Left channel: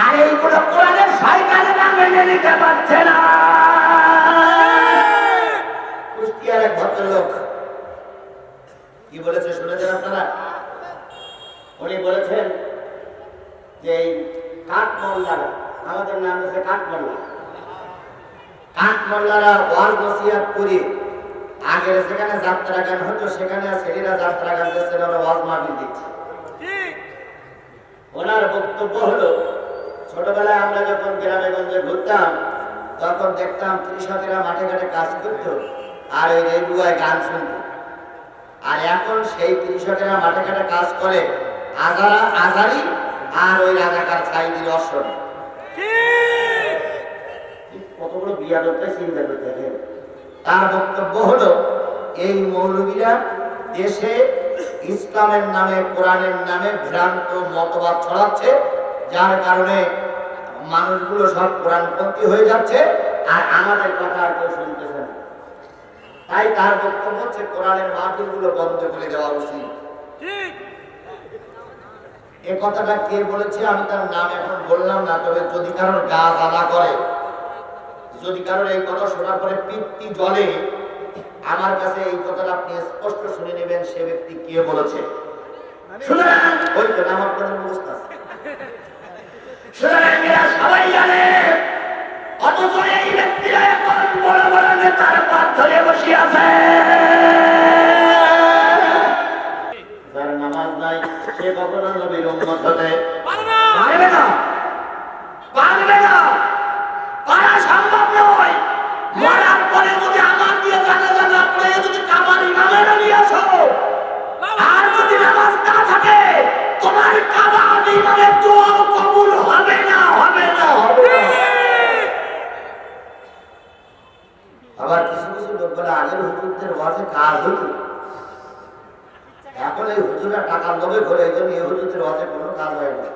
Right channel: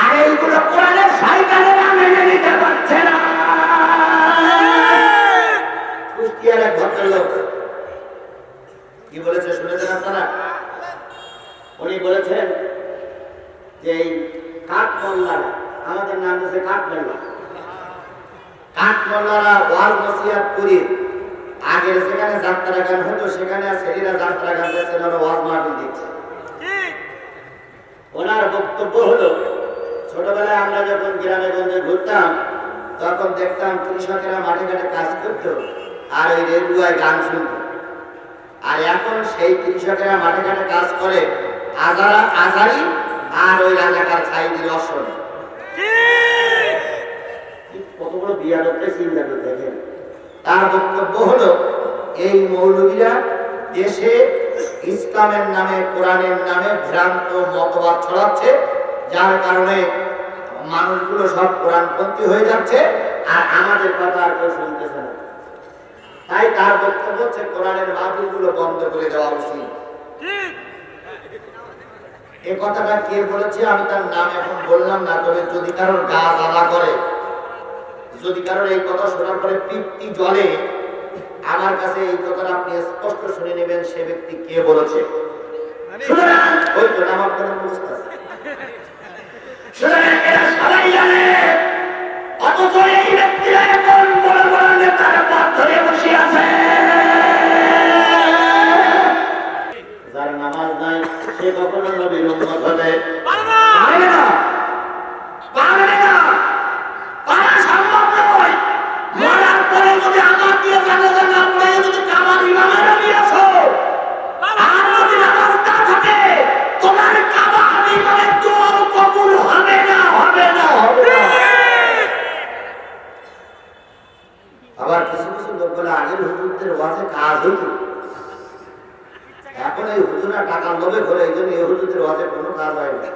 আর এইগুলো কোরআনের শয়তানেরা মেনে নিতে পারছে না। কুষ্টিয়ার এক ভদ্রলোক কি বলেছে শুনেছেন আপনারা? উনি বলেছেন যে কাঠমোল্লারা, আমাদের নাম হচ্ছে কাঠমোল্লা, কাঠমোল্লারা ওয়াজ নসিহত করে আগের যেখানে যাত্রা গান হতো সেখানে ছেলেরা যাত্রা গান দিচ্ছে, ওরা ওয়াজ মাহফিল দিচ্ছে। ওনার বক্তব্য হলো, ছোটবেলায় আমরা যখন গ্রামে গঞ্জে ঘুরতাম তখন দেখতাম কৃষকেরা মাঠে ঘাটে কাজ করত আর ওই রেডিওয় গান শুনত। আর এখন সেই কৃষকেরা মাঠে ঘাটে কাজ করে আজারি আর ওই রাজাকার সাইদির অসন। কত বড় বিয়াদবটা চিন্তা করে দেখেন। তার বক্তব্য হলো, এই মৌলবীরা দেশে ইসলামের নামে কোরআনের নামে ভ্রান্ত মতবাদ ছড়াচ্ছে, যার কারণে মানুষগুলো সব কোরআনপন্থী হয়ে যাচ্ছে আর আমাদের কথা আর কেউ শুনতেছে না। তাই তার বক্তব্য হচ্ছে কোরআনের মাহফিলগুলো বন্ধ করে দেওয়া উচিত। এ কথাটা কে বলেছে আমি তার নাম এখন বললাম না, তবে যদি কারোর গা জ্বালা করে, যদি কারোর এই কথা শোনার পরে পিত্তি জ্বলে, আমার কাছে এই কথাটা আপনি স্পষ্ট শুনে নেবেন সে ব্যক্তি কে বলেছে। ওই তো নাম আপনাদের মুখস্থ আছে, সবাই জানে, অথচ এই ব্যক্তিরা এখন বড় বড় নেতার পথ ধরে বসে আছে। যার নামাজ নাই সে কখনো নবীর উম্মত হতে পারবে না, পারবে না, পারা সম্ভব নয়। মরার পরে যদি আমার দিয়ে জানাজা না পড়ে যদি কাবার ইমামের নিয়ে আসো, আর যদি নামাজ না থাকে তোমার কাবার ইমামের দোয়া কবুল হবে না, হবে না, হবে না। আবার কিছু কিছু লোক বলে আগের হুজুরদের ওয়াজে কাজ হতো, এখন এই হুজুরা টাকার লোভে ঘরে, এই জন্য এই হুজুরদের ওয়াজে কোনো কাজ হয় না।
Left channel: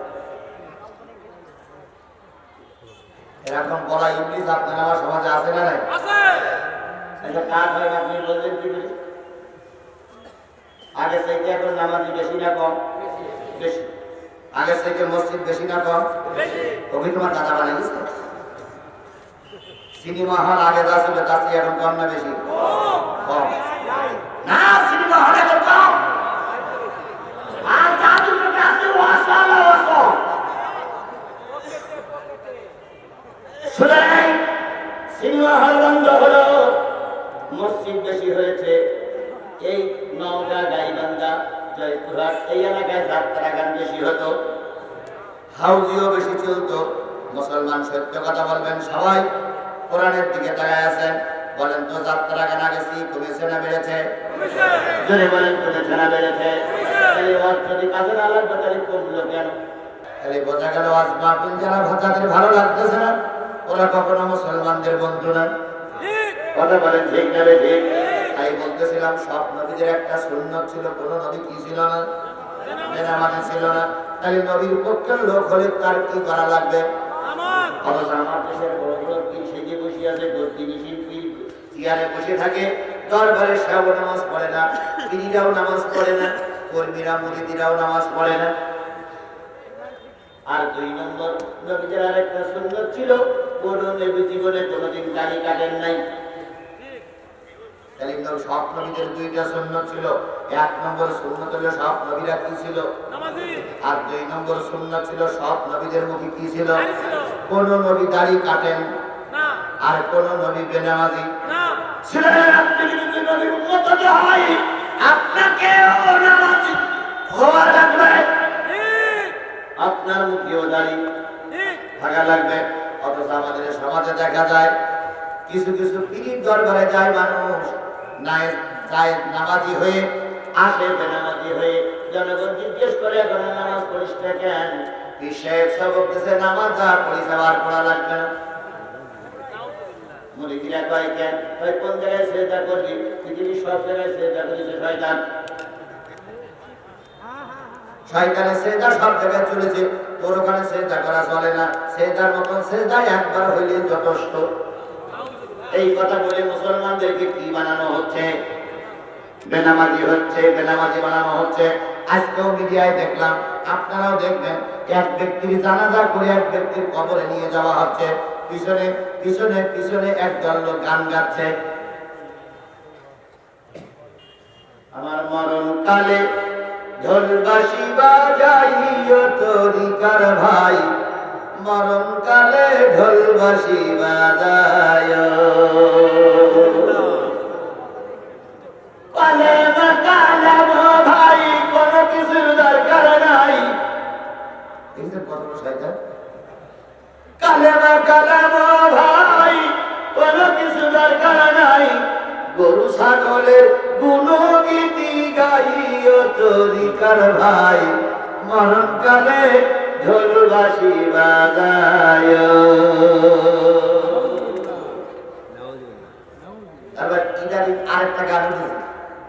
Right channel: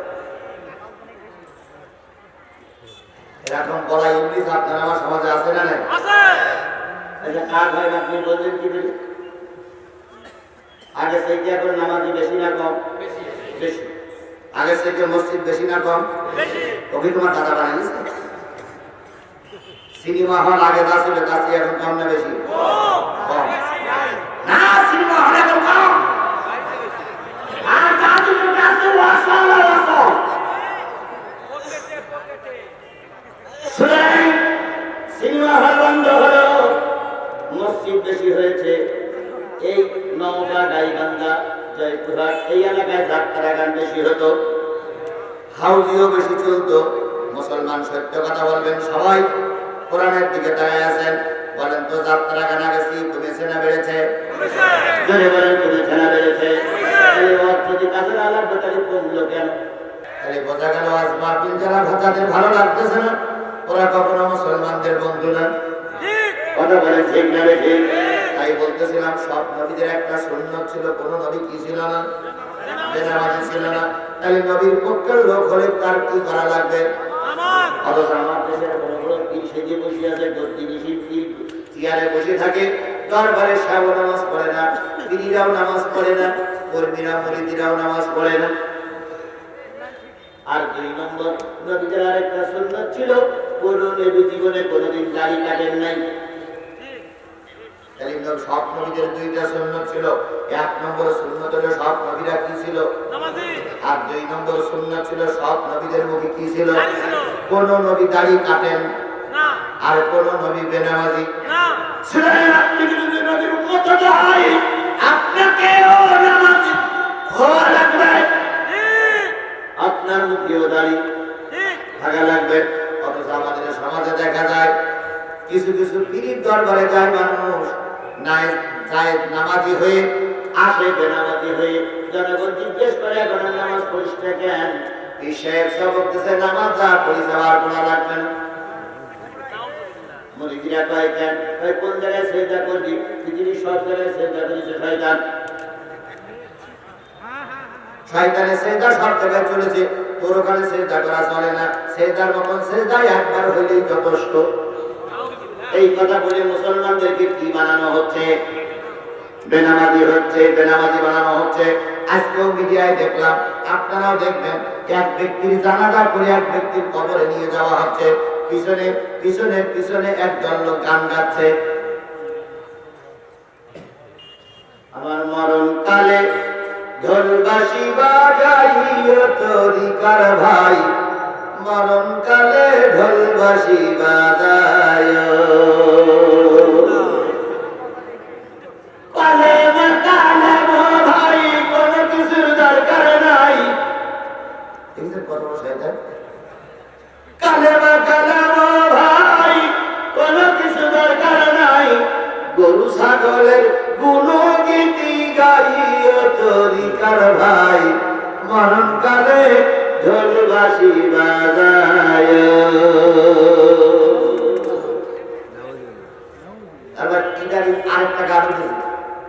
এরকম বলা ইবলিস আপনার আমার সমাজে আছে না? এটা কাজ হয় না। আপনি বলছেন কি বলি, আগে থেকে এখন নামাজি বেশি না কম? বেশি। আগে থেকে মসজিদ বেশি না কম? কবি তোমার দাদা বানিয়ে গেছে। সিনেমা হল আগে যা ছিল তার চেয়ে এখন কম না বেশি? কম না, সিনেমা হল এখন কম। আর জাদুঘর কাছে ওয়াসাল্লাহ ওয়াসাল শুনেন, সিনেমা হল বন্ধ হলো, মসজিদ বেশি হয়েছে। এই নওগাঁ, গাইবান্ধা, জয়পুরহাট এই এলাকায় যাত্রা গান বেশি হতো, হাউজিও বেশি চলতো। মুসলমান সত্য কথা বলবেন, সবাই কোরআনের দিকে তাকায় আছেন। বলেন তো যাত্রা গান আগে কমেছে না বেড়েছে? যদি বলেন কমেছে না বেড়েছে? যদি কাজে না লাগবে তাহলে কমলো কেন? তাহলে বোঝা গেল আজ মাহফিল যারা যাদের ভালো লাগতেছে না ওরা কখনো মুসলমানদের বন্ধু না। কথা বলে ঠিক না ঠিক? তাই বলতেছিলাম সব নবীদের একটা সুন্নাত ছিল, কোন নবী কি ছিল না? বেনামাজি ছিল না। তাহলে নবীর পক্ষের লোক হলে তার কি করা লাগবে? অথচ আমার দেশের বড় বড় পীর সেজে বসে আছে, গদ্দিনিশীল পীর চেয়ারে বসে থাকে, দরবারে সাহেব নামাজ পড়ে না, পীরিরাও নামাজ পড়ে না, কর্মীরা মুরিদিরাও নামাজ পড়ে না। আর দুই নম্বর, নবীদের আরেকটা সুন্নাত ছিল, কোন নবী জীবনে কোনোদিন দাড়ি কাটেন নাই। তাহলে সব নবীদের দুইটা সুন্নাত ছিল। এক নম্বর সুন্নাত হলো সব নবীরা কি ছিল? নামাজি। আর দুই নম্বর সুন্নাত ছিল সব নবীদের মুখে কি ছিল? কোন নবী দাড়ি কাটেন না, আর কোন নবী বেনামাজি না। শুনেন, আপনি যদি নবীর উম্মত হতে হয় আপনাকেও নামাজি হওয়া লাগবে, আপনার মুখেও দাড়ি থাকা লাগবে। অথচ আমাদের সমাজে দেখা যায় কিছু কিছু পীরের দরবারে যায় মানুষ, নামাজি হয়ে আসে, বেনামাজি হয়ে। জনগণ জিজ্ঞেস করে এখন নামাজ পড়িস না কেন? পীর সাহেব সবক দিছে নামাজ যা পড়িস আর পড়া লাগবে না। মুরিদিরা কয় কেন? কোন জায়গায় সেজদা করবি? পৃথিবীর সব জায়গায় সেজদা করেছে শয়তান, শয়তানের সেজদা সব জায়গায় চলেছে, তোর ওখানে সেজদা করা চলে না। সেজদার মতন সেজদা একবার হইলেই যথেষ্ট। এই কথা বলে মুসলমানদেরকে কি বানানো হচ্ছে? বেনামাজি হচ্ছে, বেনামাজি বানানো হচ্ছে। আজকেও মিডিয়ায় দেখলাম, আপনারাও দেখবেন, এক ব্যক্তির জানাজা করে এক ব্যক্তির কবরে নিয়ে যাওয়া হচ্ছে, পিছনে পিছনে পিছনে একজন লোক গান গাচ্ছে, আমার মরণ কালে ঢোল বাঁশি বাজাইও তরিকার ভাই, মরণ কালে ঢোল বাঁশি বাজাইও, কালেমা কালেমা ভাই, কোনো কিছুর দরকার নাই। দেখছেন কত বড় শয়তান? কালেমা কালেমা ভাই, কোনো কিছু দরকার নাই, গরু ছাগলের গুণগীতি গাইও তরিকার ভাই, মরণ কালে ঢোল বাঁশি বাজাইও। তারপর ইদানিং আরেকটা গান উঠেছে,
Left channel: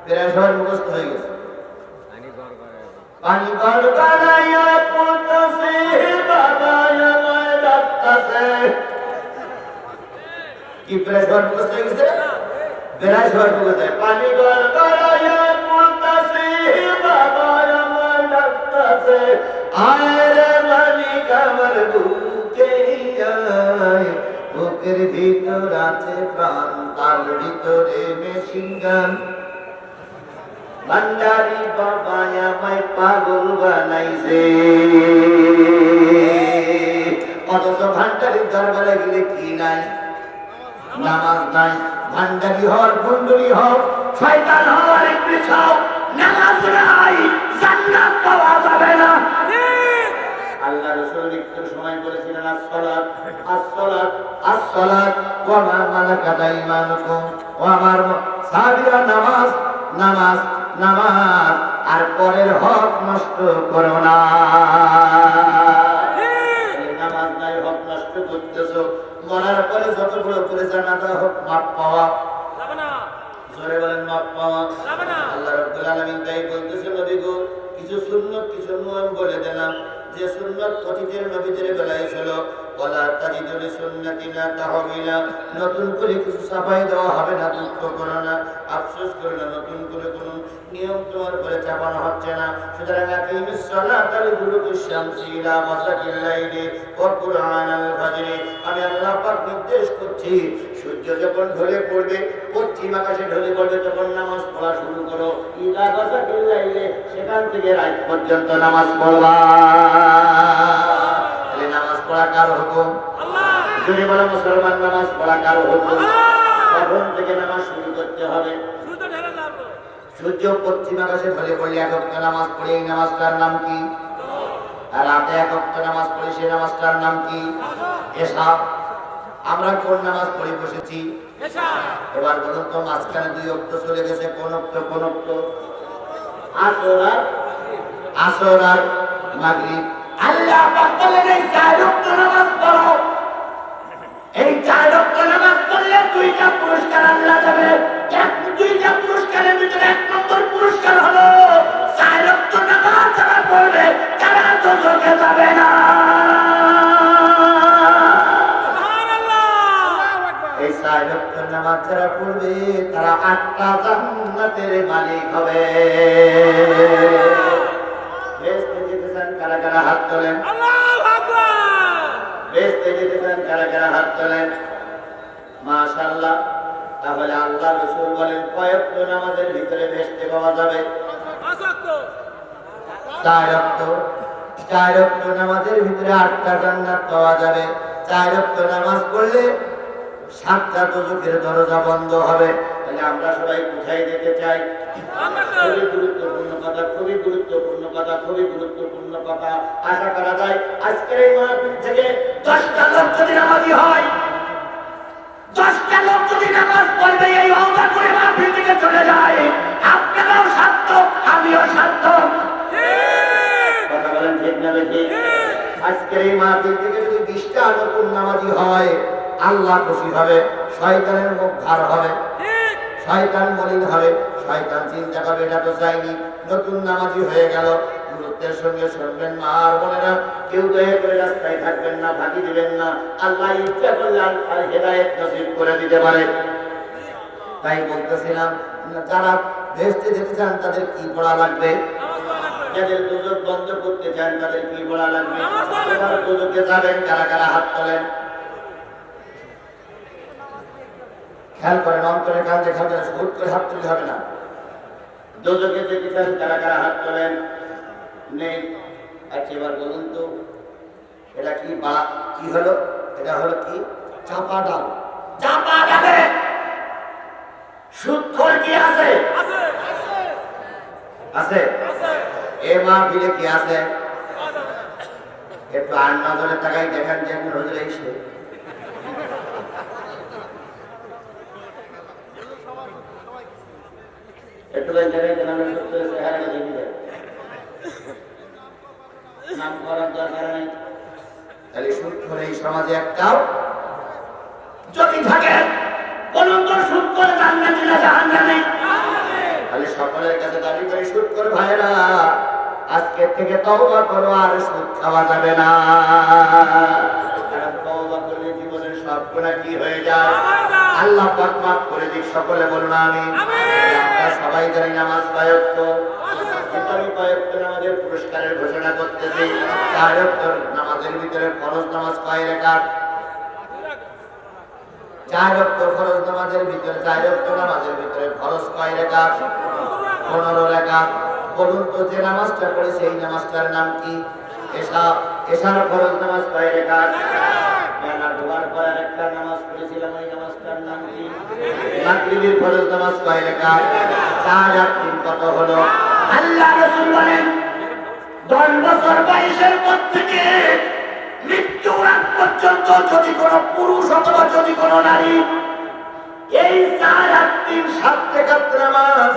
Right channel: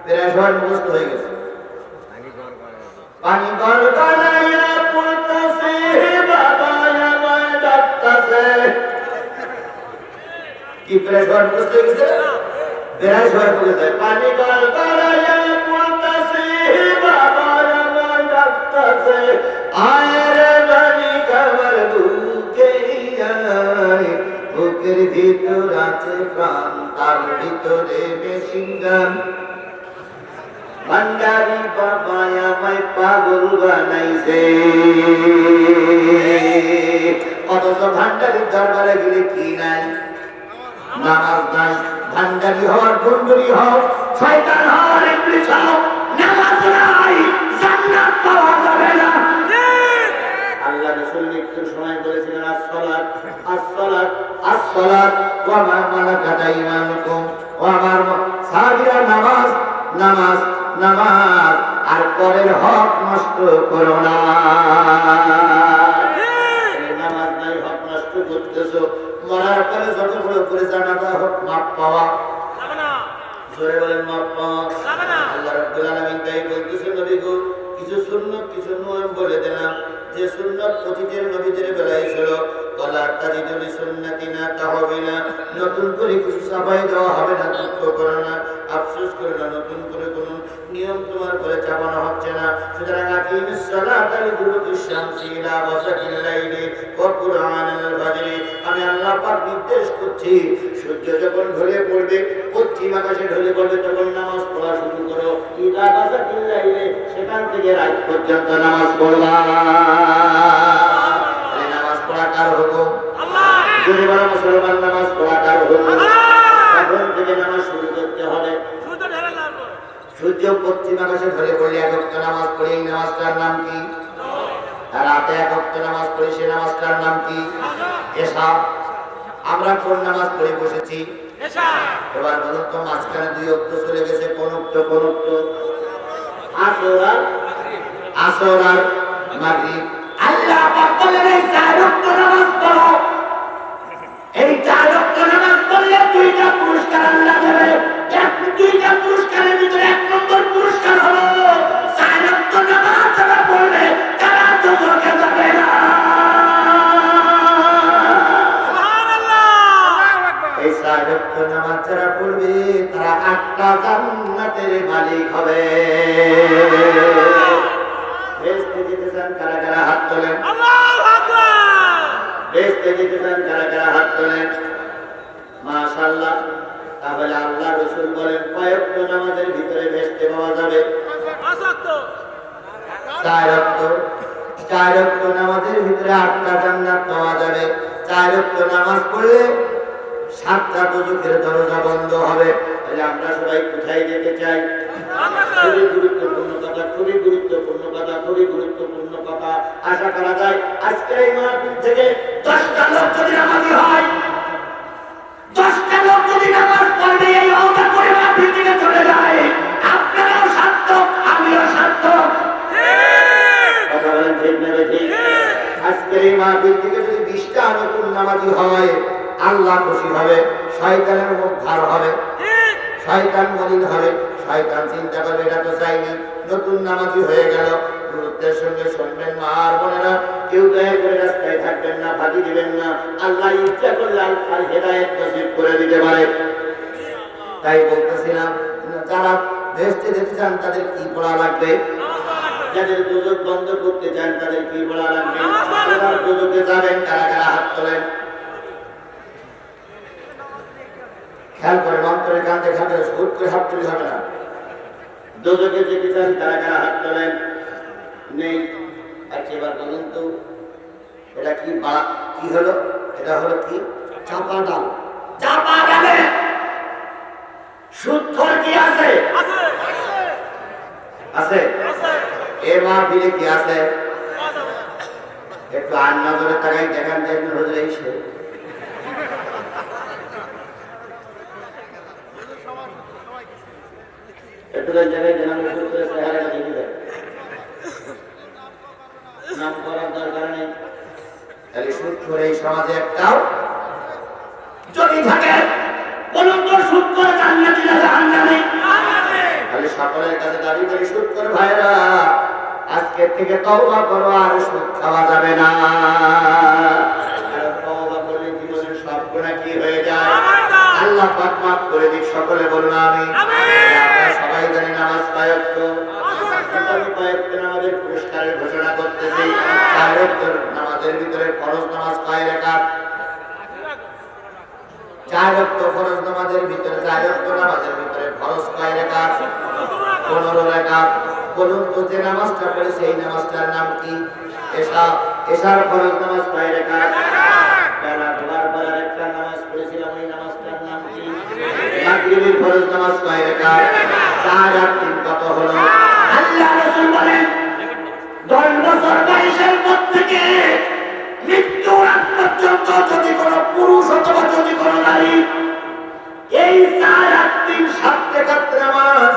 প্রায় সবার মুখস্থ হয়ে গেছে, পানি গড় গড়াইয়া পড়তাছে, বাবা আমায় ডাকতাছে। কি প্রায় সবার মুখস্থ হয়ে গেছে? প্রায় সবার মুখস্থ। পানি গড় গড়াইয়া পড়তাছে, বাবা আমায় ডাকতাছে, আয় রে মানিক আমার বুকে আয়, বুকের ভিতর আছে প্রাণ, তার ভিতরে মেশিন গান, ভান্ডারি বাবা আমায় পাগল বানাইছে। অথচ ভান্ডারির দরবারে গেলে কি নাই? নামাজ নাই। ভান্ডারি হওয়ার, গুন্ডুরি হও, শয়তান হওয়ার, ইবলিস হও, নামাজ নাই, জান্নাত পাওয়া যাবে না। আল্লাহ রাসূল মৃত্যুর সময় বলেছিলেন, আসসালাত আসসালাত আসসালাত ওয়া মা মালাকাত আইমানুকুম, ও আমার সাহাবীরা, নামাজ নামাজ নামাজ, আর পরের হক নষ্ট করো না। নামাজ নাই, হক নষ্ট করতেছো, মরার পরে যতগুলো করে জানাজা হোক, মাপ পাওয়া যাবে না। জোরে বলেন, মাপ পাওয়া যাবে না। আল্লাহ রাব্বুল আলামিন তাই বলতেছে, নবী গো, কিছু সুন্নাত কিছু নিয়ম বলে দিলাম, যে সুন্নাত অতীতের নবীদের বেলায় ছিল, ওয়ালা তাজিদু লিসুন্নাতিনা তাহবিলা, নতুন করে কিছু চাপাই দেওয়া হবে না, দুঃখ করো না, আফসোস করো না, নতুন করে কোনো নিয়ম তোমার উপরে চাপানো হচ্ছে না। সুতরাং আকিমিস সালাতা লিদুলুকিশ শামসি ইলা গাসাকিল লাইলি ওয়া কুরআনাল ফাজরি, আমি আল্লাহ পাক নির্দেশ করছি, সূর্য যখন ঢলে পড়বে, পশ্চিম আকাশে ঢলে পড়বে, তখন নামাজ পড়া শুরু করো, ইলা গাসাকিল লাইলি, সেখান থেকে রাত পর্যন্ত নামাজ পড়বা। এই নামাজ পড়া কার হুকুম? আল্লাহ। যদি বলো মুসলমান, নামাজ পড়া কার হুকুম? তখন থেকে নামাজ শুরু করতে হবে। সূর্য পশ্চিম আকাশে ঢলে পড়লে এক ওয়াক্ত নামাজ পড়ি, এই নামাজটার নাম কি? আর রাতে এক ওয়াক্ত নামাজ পড়ি, সেই নামাজটার নাম কি? এশা। আমরা কোন নামাজ পড়ে বসেছি? এশা। এবার বলুন তো, মাঝখানে দুই ওয়াক্ত চলে গেছে, কোন ওয়াক্ত? কোন ওয়াক্ত? আসর আর মাগরিব। আল্লাহ পাক বলেন, এই চার ওয়াক্ত নামাজ পড়ো, এই চার ওয়াক্ত নামাজ পড়লে দুইটা পুরস্কার আল্লাহ দেবে। দুইটা পুরস্কারের ভিতরে এক নম্বর পুরস্কার হলো, চার ওয়াক্ত নামাজ যারা পড়বে তারা দোজখে যাবে না। সুবহানাল্লাহ। এই চার ওয়াক্ত নামাজ যারা পড়বে তারা 8টা জান্নাতের মালিক হবে। বেহেশতে যেতে চান কারা কারা হাত তোলেন? আল্লাহু আকবার। বেহেশতে যেতে চান কারা কারা হাত তোলেন? মাশাআল্লাহ। তাহলে আল্লাহ রাসূল বলেন, কয়েকটা নামাজের ভিতরে বেহেশতে পাওয়া যাবে? 5 ওয়াক্ত। 4 ওয়াক্ত। 4 ওয়াক্ত নামাজের ভিতরে 8টা জান্নাত পাওয়া যাবে। 4 ওয়াক্ত নামাজ পড়লে 7টা দোজখের দরজা বন্ধ হবে। তাহলে আমরা সবাই কোথায় যেতে চাই? খুবই গুরুত্বপূর্ণ কথা, খুবই গুরুত্বপূর্ণ কথা, খুবই গুরুত্বপূর্ণ কথা। আশা করা যায় আজকের এই মাহফিল থেকে 10টা লোক যদি নামাজি হয়, 10টা লোক যদি নামাজ পড়বে, এই ওয়াদা করে মাহফিল থেকে চলে যায়, আপনারাও সার্থক, আমিও সার্থক। কথা বলেন ঠিক না ঠিক? আজকের এই মাহফিল থেকে যদি 20টা নতুন নামাজি হয়, আল্লাহ খুশি হবে, শয়তানের মুখ ভার হবে, শয়তান মলিন হবে, শয়তান চিন্তা করবে এটা তো চাইনি, নতুন নামাজি হয়ে গেল। গুরুত্বের সঙ্গে শুনবেন মা আর বোনেরা, কেউ দয়া করে রাস্তায় থাকবেন না, ফাঁকি দিবেন না। আল্লাহ ইচ্ছা করলে আল্লাহ হেদায়েত নসিব করে দিতে পারে। তাই বলতেছিলাম, যারা বেহেশতে যেতে চান তাদের কি পড়া লাগবে? যাদের দুজক বন্ধ করতে চান তাদের কি বলা লাগবে? এবার দুজকে যাবেন কারা কারা হাত তোলেন? খেয়াল করেন, অন্তরের কান দেখা হুট করে হাত তুলে হবে না। দুজকে যেতে চান কারা কারা হাত তোলেন? নেই। আচ্ছা এবার বলুন তো, এটা কি কি হলো? এটা হলো কি? চাপা ডাল। চাপা ডালে সুৎখোর কি আছে? আছে। এ মাহফিলে কি আছে? একটু আর নজরে তাকাই দেখেন যে একজন হুজুর এসে একটু জায়গায় জানালে সুদ করে চেহারাটা দেখে যায়। নাম করার দরকার নেই। তাহলে সুদ করে এই সমাজে একটাও যদি থাকে, বলুন তো সুদ করে জান্নাতি না জাহান্নামী? তাহলে সকলের কাছে দাবি করি, সুদ করে ভাইরা আজকে থেকে তওবা করো, আর সুদ খাওয়া যাবে না। কারণ তওবা করলে জীবনের সব গুনাহ কি হয়ে যায়? আল্লাহ পাক মাফ করে দিক। সকলে বলুন আমিন। আমরা সবাই জানি নামাজ কয়েকটা, আমি কয়েকটা নামাজের পুরস্কারের ঘোষণা করতেছি। 4 ওয়াক্ত নামাজের ভিতরে ফরজ নামাজ কয় রাকাত? 4 ওয়াক্ত ফরজ নামাজের ভিতরে 4 ওয়াক্ত নামাজের ভিতরে ফরজ কয় রাকাত? 15 রাকাত। বলুন তো যে নামাজটা পড়ে সেই নামাজটার নাম কি? এশা। এশার ফরজ নামাজ কয় রাকাত? বেলা ডোবার পর একটা নামাজ পড়েছিলাম, ওই নামাজটার নাম কি? মাগরিবের ফরজ নামাজ কয় রাকাত? 4 আর 3 কত হলো? আল্লাহ রাসূল বলেন 10 বছর বয়সের পর থেকে মৃত্যুর আগ পর্যন্ত যদি কোনো পুরুষ অথবা যদি কোনো নারী এই 4 আর 3 7 রাকাত নামাজ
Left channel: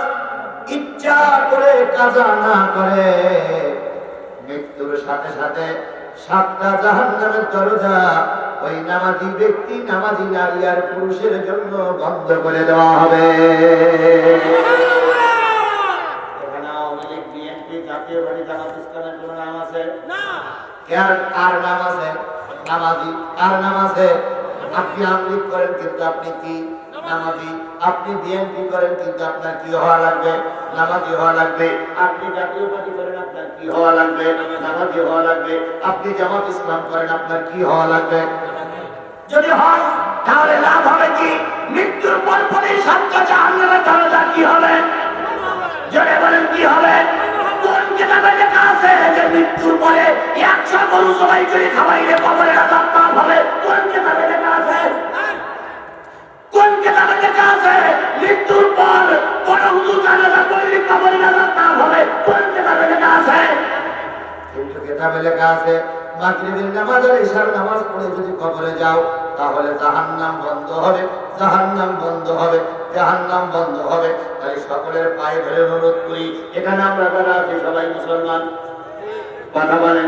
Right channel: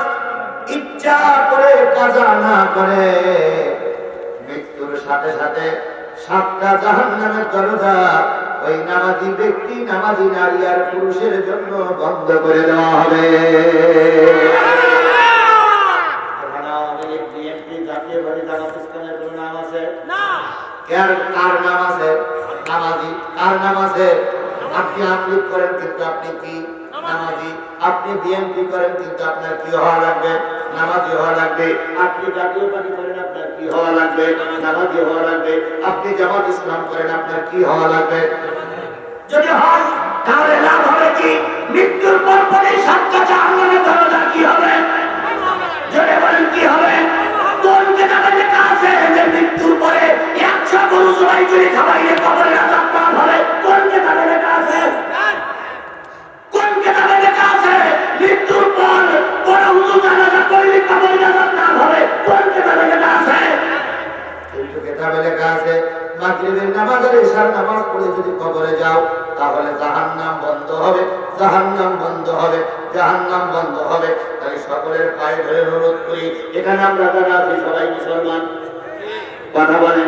ইচ্ছা করে কাজা না করে, মৃত্যুর সাথে সাথে 7টা জাহান্নামের দরজা ওই নামাজি ব্যক্তি, নামাজি নারী আর পুরুষের জন্য বন্ধ করে দেওয়া হবে। জাতীয়বাদী জামাত ইসলামের কোনো নাম আছে? কার নাম আছে? নামাজি। কার নাম আছে? আপনি আমলিক করেন কিন্তু আপনি কি? নামাজি। আপনি বিএনপি করেন কিন্তু আপনার কি হওয়া লাগবে? নামাজি হওয়া লাগবে। আপনি জাতীয় পার্টি করেন আপনার কি হওয়া লাগবে? নামাজি হওয়া লাগবে। আপনি জামাত ইসলাম করেন আপনার কি হওয়া লাগবে? যদি হয় তাহলে লাভ হবে কি? মৃত্যুর পর পরই 7টা জাহান্নামের দরজা কি হবে? জোরে বলেন কি হবে? কোন কিতাবে লেখা আছে যে মৃত্যুর পরে 100 গরু জবাই করে খাওয়াইলে কবরের আযাব মাফ হবে? কোন কিতাবে লেখা আছে? কোন কিতাবে লেখা আছে মৃত্যুর পর বড় হুজুর জানাজা পড়লে কবরের আযাব মাফ হবে? কোন কিতাবে লেখা আছে? কিন্তু কিতাবে লেখা আছে মাগরিবের নামাজ আর ইশার নামাজ পড়ে যদি কবরে যাও তাহলে জাহান্নাম বন্ধ হবে, জাহান্নাম বন্ধ হবে, জাহান্নাম বন্ধ হবে। তাই সকলের পায়ে ধরে অনুরোধ করি, এখানে আমরা যারা আছি সবাই মুসলমান, কথা বলেন।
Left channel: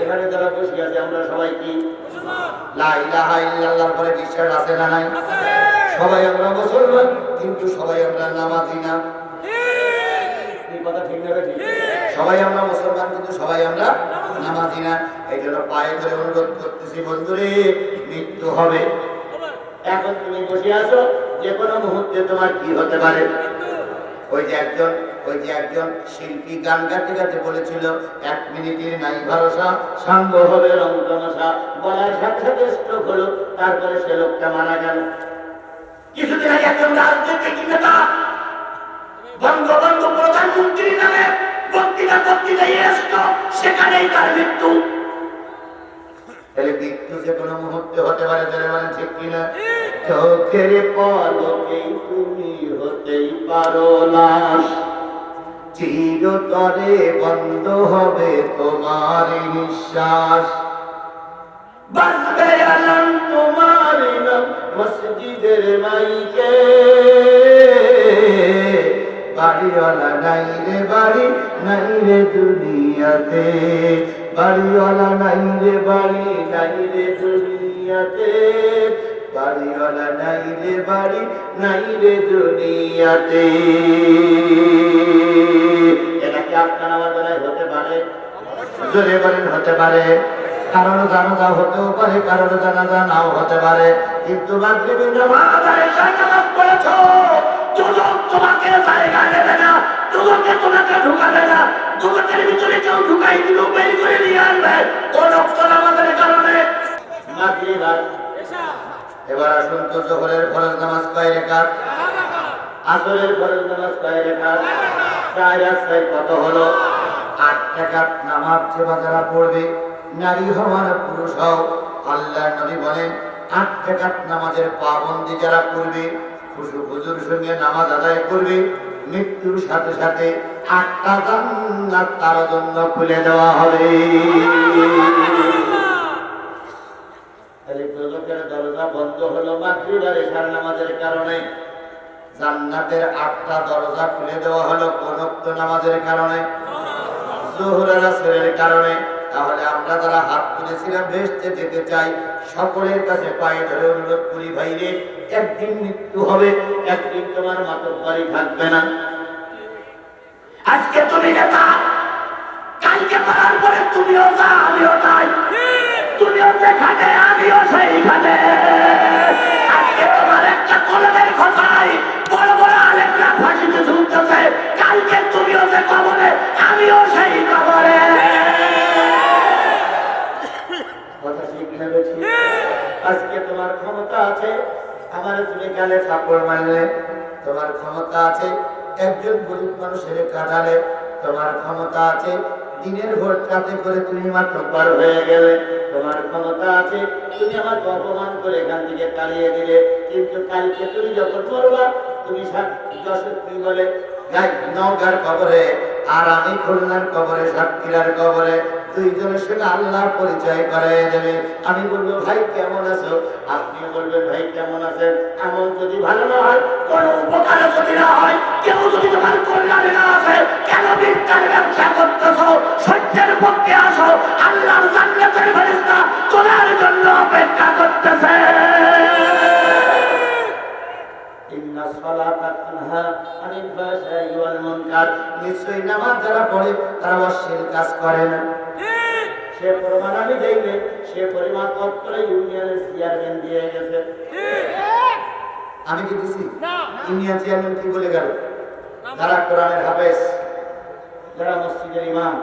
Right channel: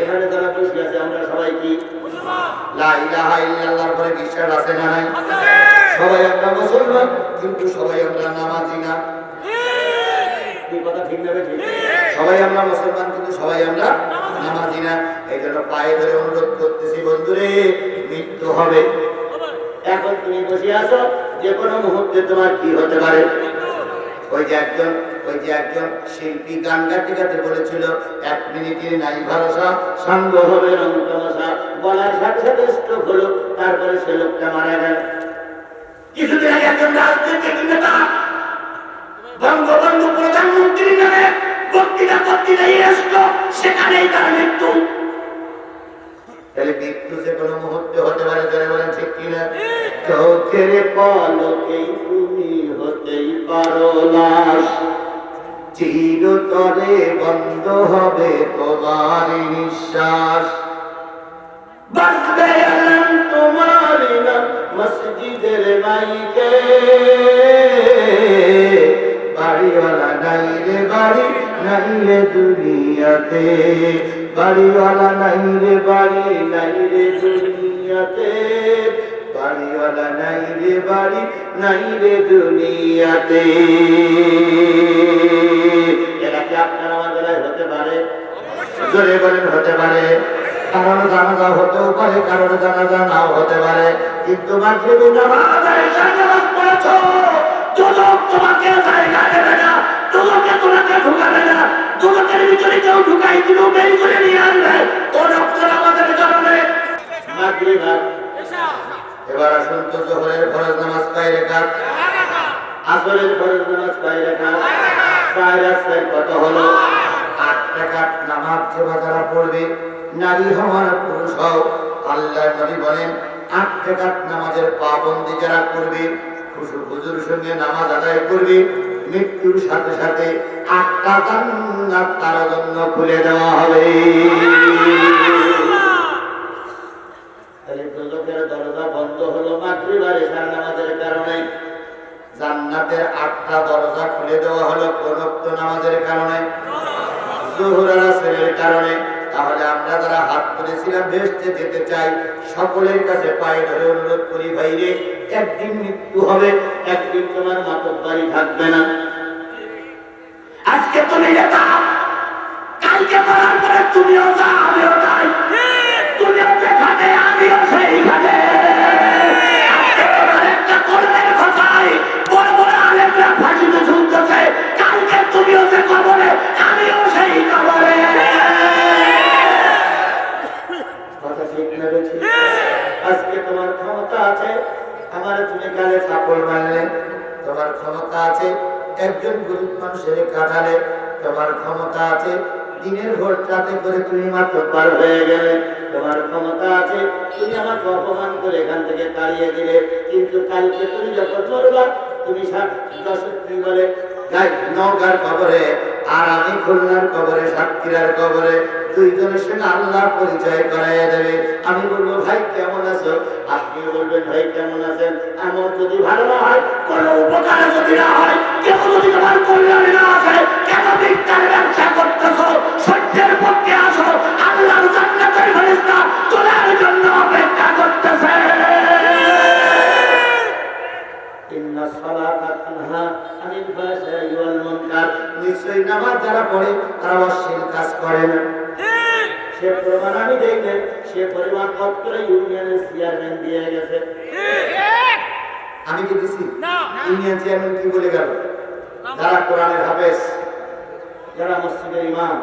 এখানে যারা বসে আছে আমরা সবাই কি মুসলমান? লা ইলাহা ইল্লাল্লাহর পরে বিশ্বাস আছে না নাই? সবাই আমরা মুসলমান, কিন্তু সবাই আমরা নামাজি না। এই কথা ঠিক না? ঠিক। সবাই আমরা মুসলমান কিন্তু সবাই আমরা নামাজি না। এই জন্য পায়ে ধরে অনুরোধ করতেছি, বন্ধুরে মৃত্যু হবে। এখন তুমি বসে আছো, যে কোনো মুহূর্তে তোমার কি হতে পারে? ওই যে একজন শিল্পী গান গাতে গাতে বলেছিল 1 মিনিটের নাই ভরসা, সঙ্গ হবে রং তামাশা। বলার সাথে সাথে স্ট্রোক হলো, তারপরে সে লোকটা মারা গেল। কিছুদিন আগে একজন রাজনৈতিক নেতা বঙ্গবন্ধু প্রধানমন্ত্রী নামে বক্তৃতা করতে গিয়ে আসলো, সেখানেই তার মৃত্যু। তাহলে মৃত্যু যে কোনো মুহূর্তে হতে পারে, যারা বলেন ঠিক কিনা? চোখের পলকে তুমি হতেই পারো লাশ, চিরতরে বন্ধ হবে তোমার নিঃশ্বাস। বাজবে আলান তোমার নাম মসজিদের মাইকে, বাড়িওয়ালা নাই রে বাড়ি, নাই রে দুনিয়াতে। বাড়িওয়ালা নাই রে বাড়ি, নাই রে দুনিয়াতে। বাড়িওয়ালা নাই রে বাড়ি, নাই রে দুনিয়াতে। এটা কি আপনার আমাদের হতে পারে? জোরে বলেন হতে পারে। কারণ জানাজা হতেও পারে, কারণ জানাজা নাও হতে পারে। কিন্তু মাগরিবের নামাজ আর ইশার নামাজ পড়েছো, দুদক তোমাকে জায়গা দেবে না, দুদকে তোমাকে ঢুকাবে না। দুদকের ভিতরে কেউ ঢুকাই দিল, বের করে নিয়ে আনবে অনক্তর আমাদের কারণে। এবার আসুন তো, জোহরের ফরজ নামাজ কয় রাকাত? আসরের ফরজ নামাজ কয় রাকাত? 4 রাকাত। কত হলো? 8 রাকাত নামাজ যে যারা পড়বে, নারী হওয়ার পুরুষ হও, আল্লাহর নবী বলেন 8 রাকাত নামাজের পাবন্দি যারা করবে, খুশু খুজুর সঙ্গে নামাজ আদায় করবে, মৃত্যুর সাথে সাথে 8টা জান্নাত তার জন্য খুলে দেওয়া হবে। দুজকের দরজা বন্ধ হলো মাগরিব আর ইশার নামাজের কারণে, জান্নাতের 8টা দরজা খুলে দেওয়া হলো কোন ওয়াক্ত নামাজের কারণে? যোহর আর আসরের কারণে। তাহলে আমরা যারা হাত তুলেছিলাম বেহেশতে যেতে চাই, সকলের কাছে পায়ে ধরে অনুরোধ করি, ভাইরে একদিন মৃত্যু হবে, একদিন তোমার মাতব্বরি থাকবে না। আজকে তুমি নেতা, কালকে করার পরে তুমিও যা, আমিও তাই, তুমিও যেখানে আমিও সেইখানে। আজকে তোমার একটা কলমের কথায় বড় বড় আলেমরা ফাঁসিতে ঝুলতেছে, কালকে তুমিও যে কবরে, আমিও সেই কবরে। কথা ঠিক না বেঠিক? আজকে তোমার ক্ষমতা আছে, আমার তুমি গালে থাপড় মারলে, তোমার ক্ষমতা আছে একজন গরিব মানুষের কাঁধালে, তোমার ক্ষমতা আছে দিনের ভোট রাতে করে তুমি মাতব্বর হয়ে গেলে, তোমার ক্ষমতা আছে তুমি আমাকে অপমান করে এখান থেকে তাড়িয়ে দিলে, কিন্তু কালকে তুমি যখন মরবা, তুমি কি বলে নওগাঁর কবরে আর আমি খুলনার কবরে, সাতক্ষীরার কবরে, দুইজনের সঙ্গে আল্লাহ পরিচয় করাই দেবে। আমি বলবো ভাই কেমন আছো, আপনিও বলবেন ভাই কেমন আছেন। আমার যদি ভালো না হয়, কোনো উপকারে যদি না হয়, কেউ যদি তোমার কল্যাণে না আসে, কেন মিথ্যার ব্যবসা করতেছো? সত্যের পক্ষে আসো, আল্লাহর জান্নাতের ফেরেশতা তোমার জন্য অপেক্ষা করতেছে। নিশ্চয়ই নামাজ যারা পড়ে তারা অশ্লীল কাজ করে না। সে প্রমাণ আমি দেই না, সে পরিমাণ দপ্তরে ইউনিয়নের চেয়ারম্যান দিয়ে গেছে। আমি কি দিছি? ইউনিয়ন চেয়ারম্যান কি বলে গেল? যারা কোরআনের হাফেজ, যারা মসজিদের ইমাম,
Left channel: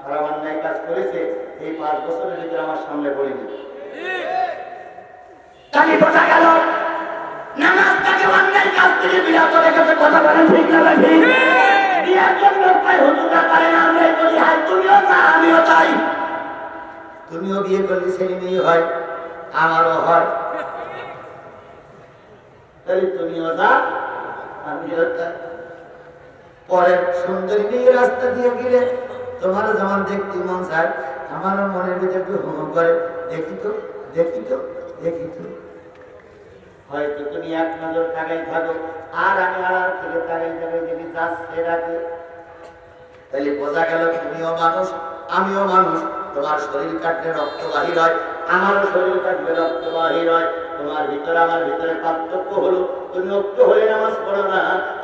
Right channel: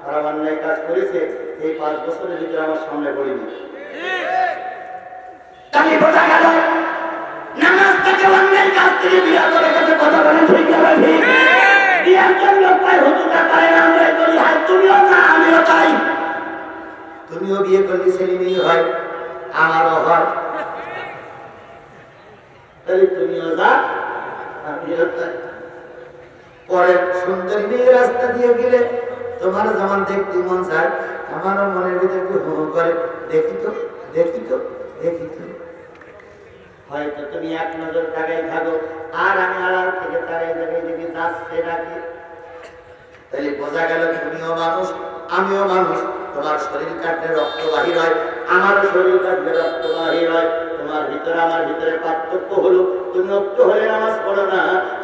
তারা অন্যায় কাজ করেছে, এই 5 বছরের ভিতরে আমার সামনে পড়েনি। তাকে বোঝা গেল নামাজটাকে অন্যায় কাজ থেকে বিরত রেখেছে। কথা বলে ঠিক না ঠিক? বিয়ার জন্য পায় হুজুররা করে না, আমরা করি হয়, তুমিও যা আমিও তাই। তুমিও বিয়ে করলে ছেলে মেয়ে হয়, আমারও হয়, তাহলে তুমিও যা আমিও তাই। পরের সুন্দরী মেয়ে রাস্তা দিয়ে গেলে তোমার যেমন দেখতে মন চায়, আমারও মনের ভিতরে একটু হু করে, দেখি তো দেখি তো দেখি তো। হয়তো তুমি এক নজর তাকাই থাকো, আর আমি আড়াল থেকে তাকাই তাকাই দেখি যাচ্ছে ডাকে। তাহলে বোঝা গেল তুমিও মানুষ, আমিও মানুষ। তোমার শরীর কাটলে রক্ত বাহির হয়, আমারও শরীর কাটলে রক্ত বাহির হয়। তোমার ভিতরে আমার ভিতরে পার্থক্য হলো, তুমি মুক্ত হলে নামাজ পড়ো না,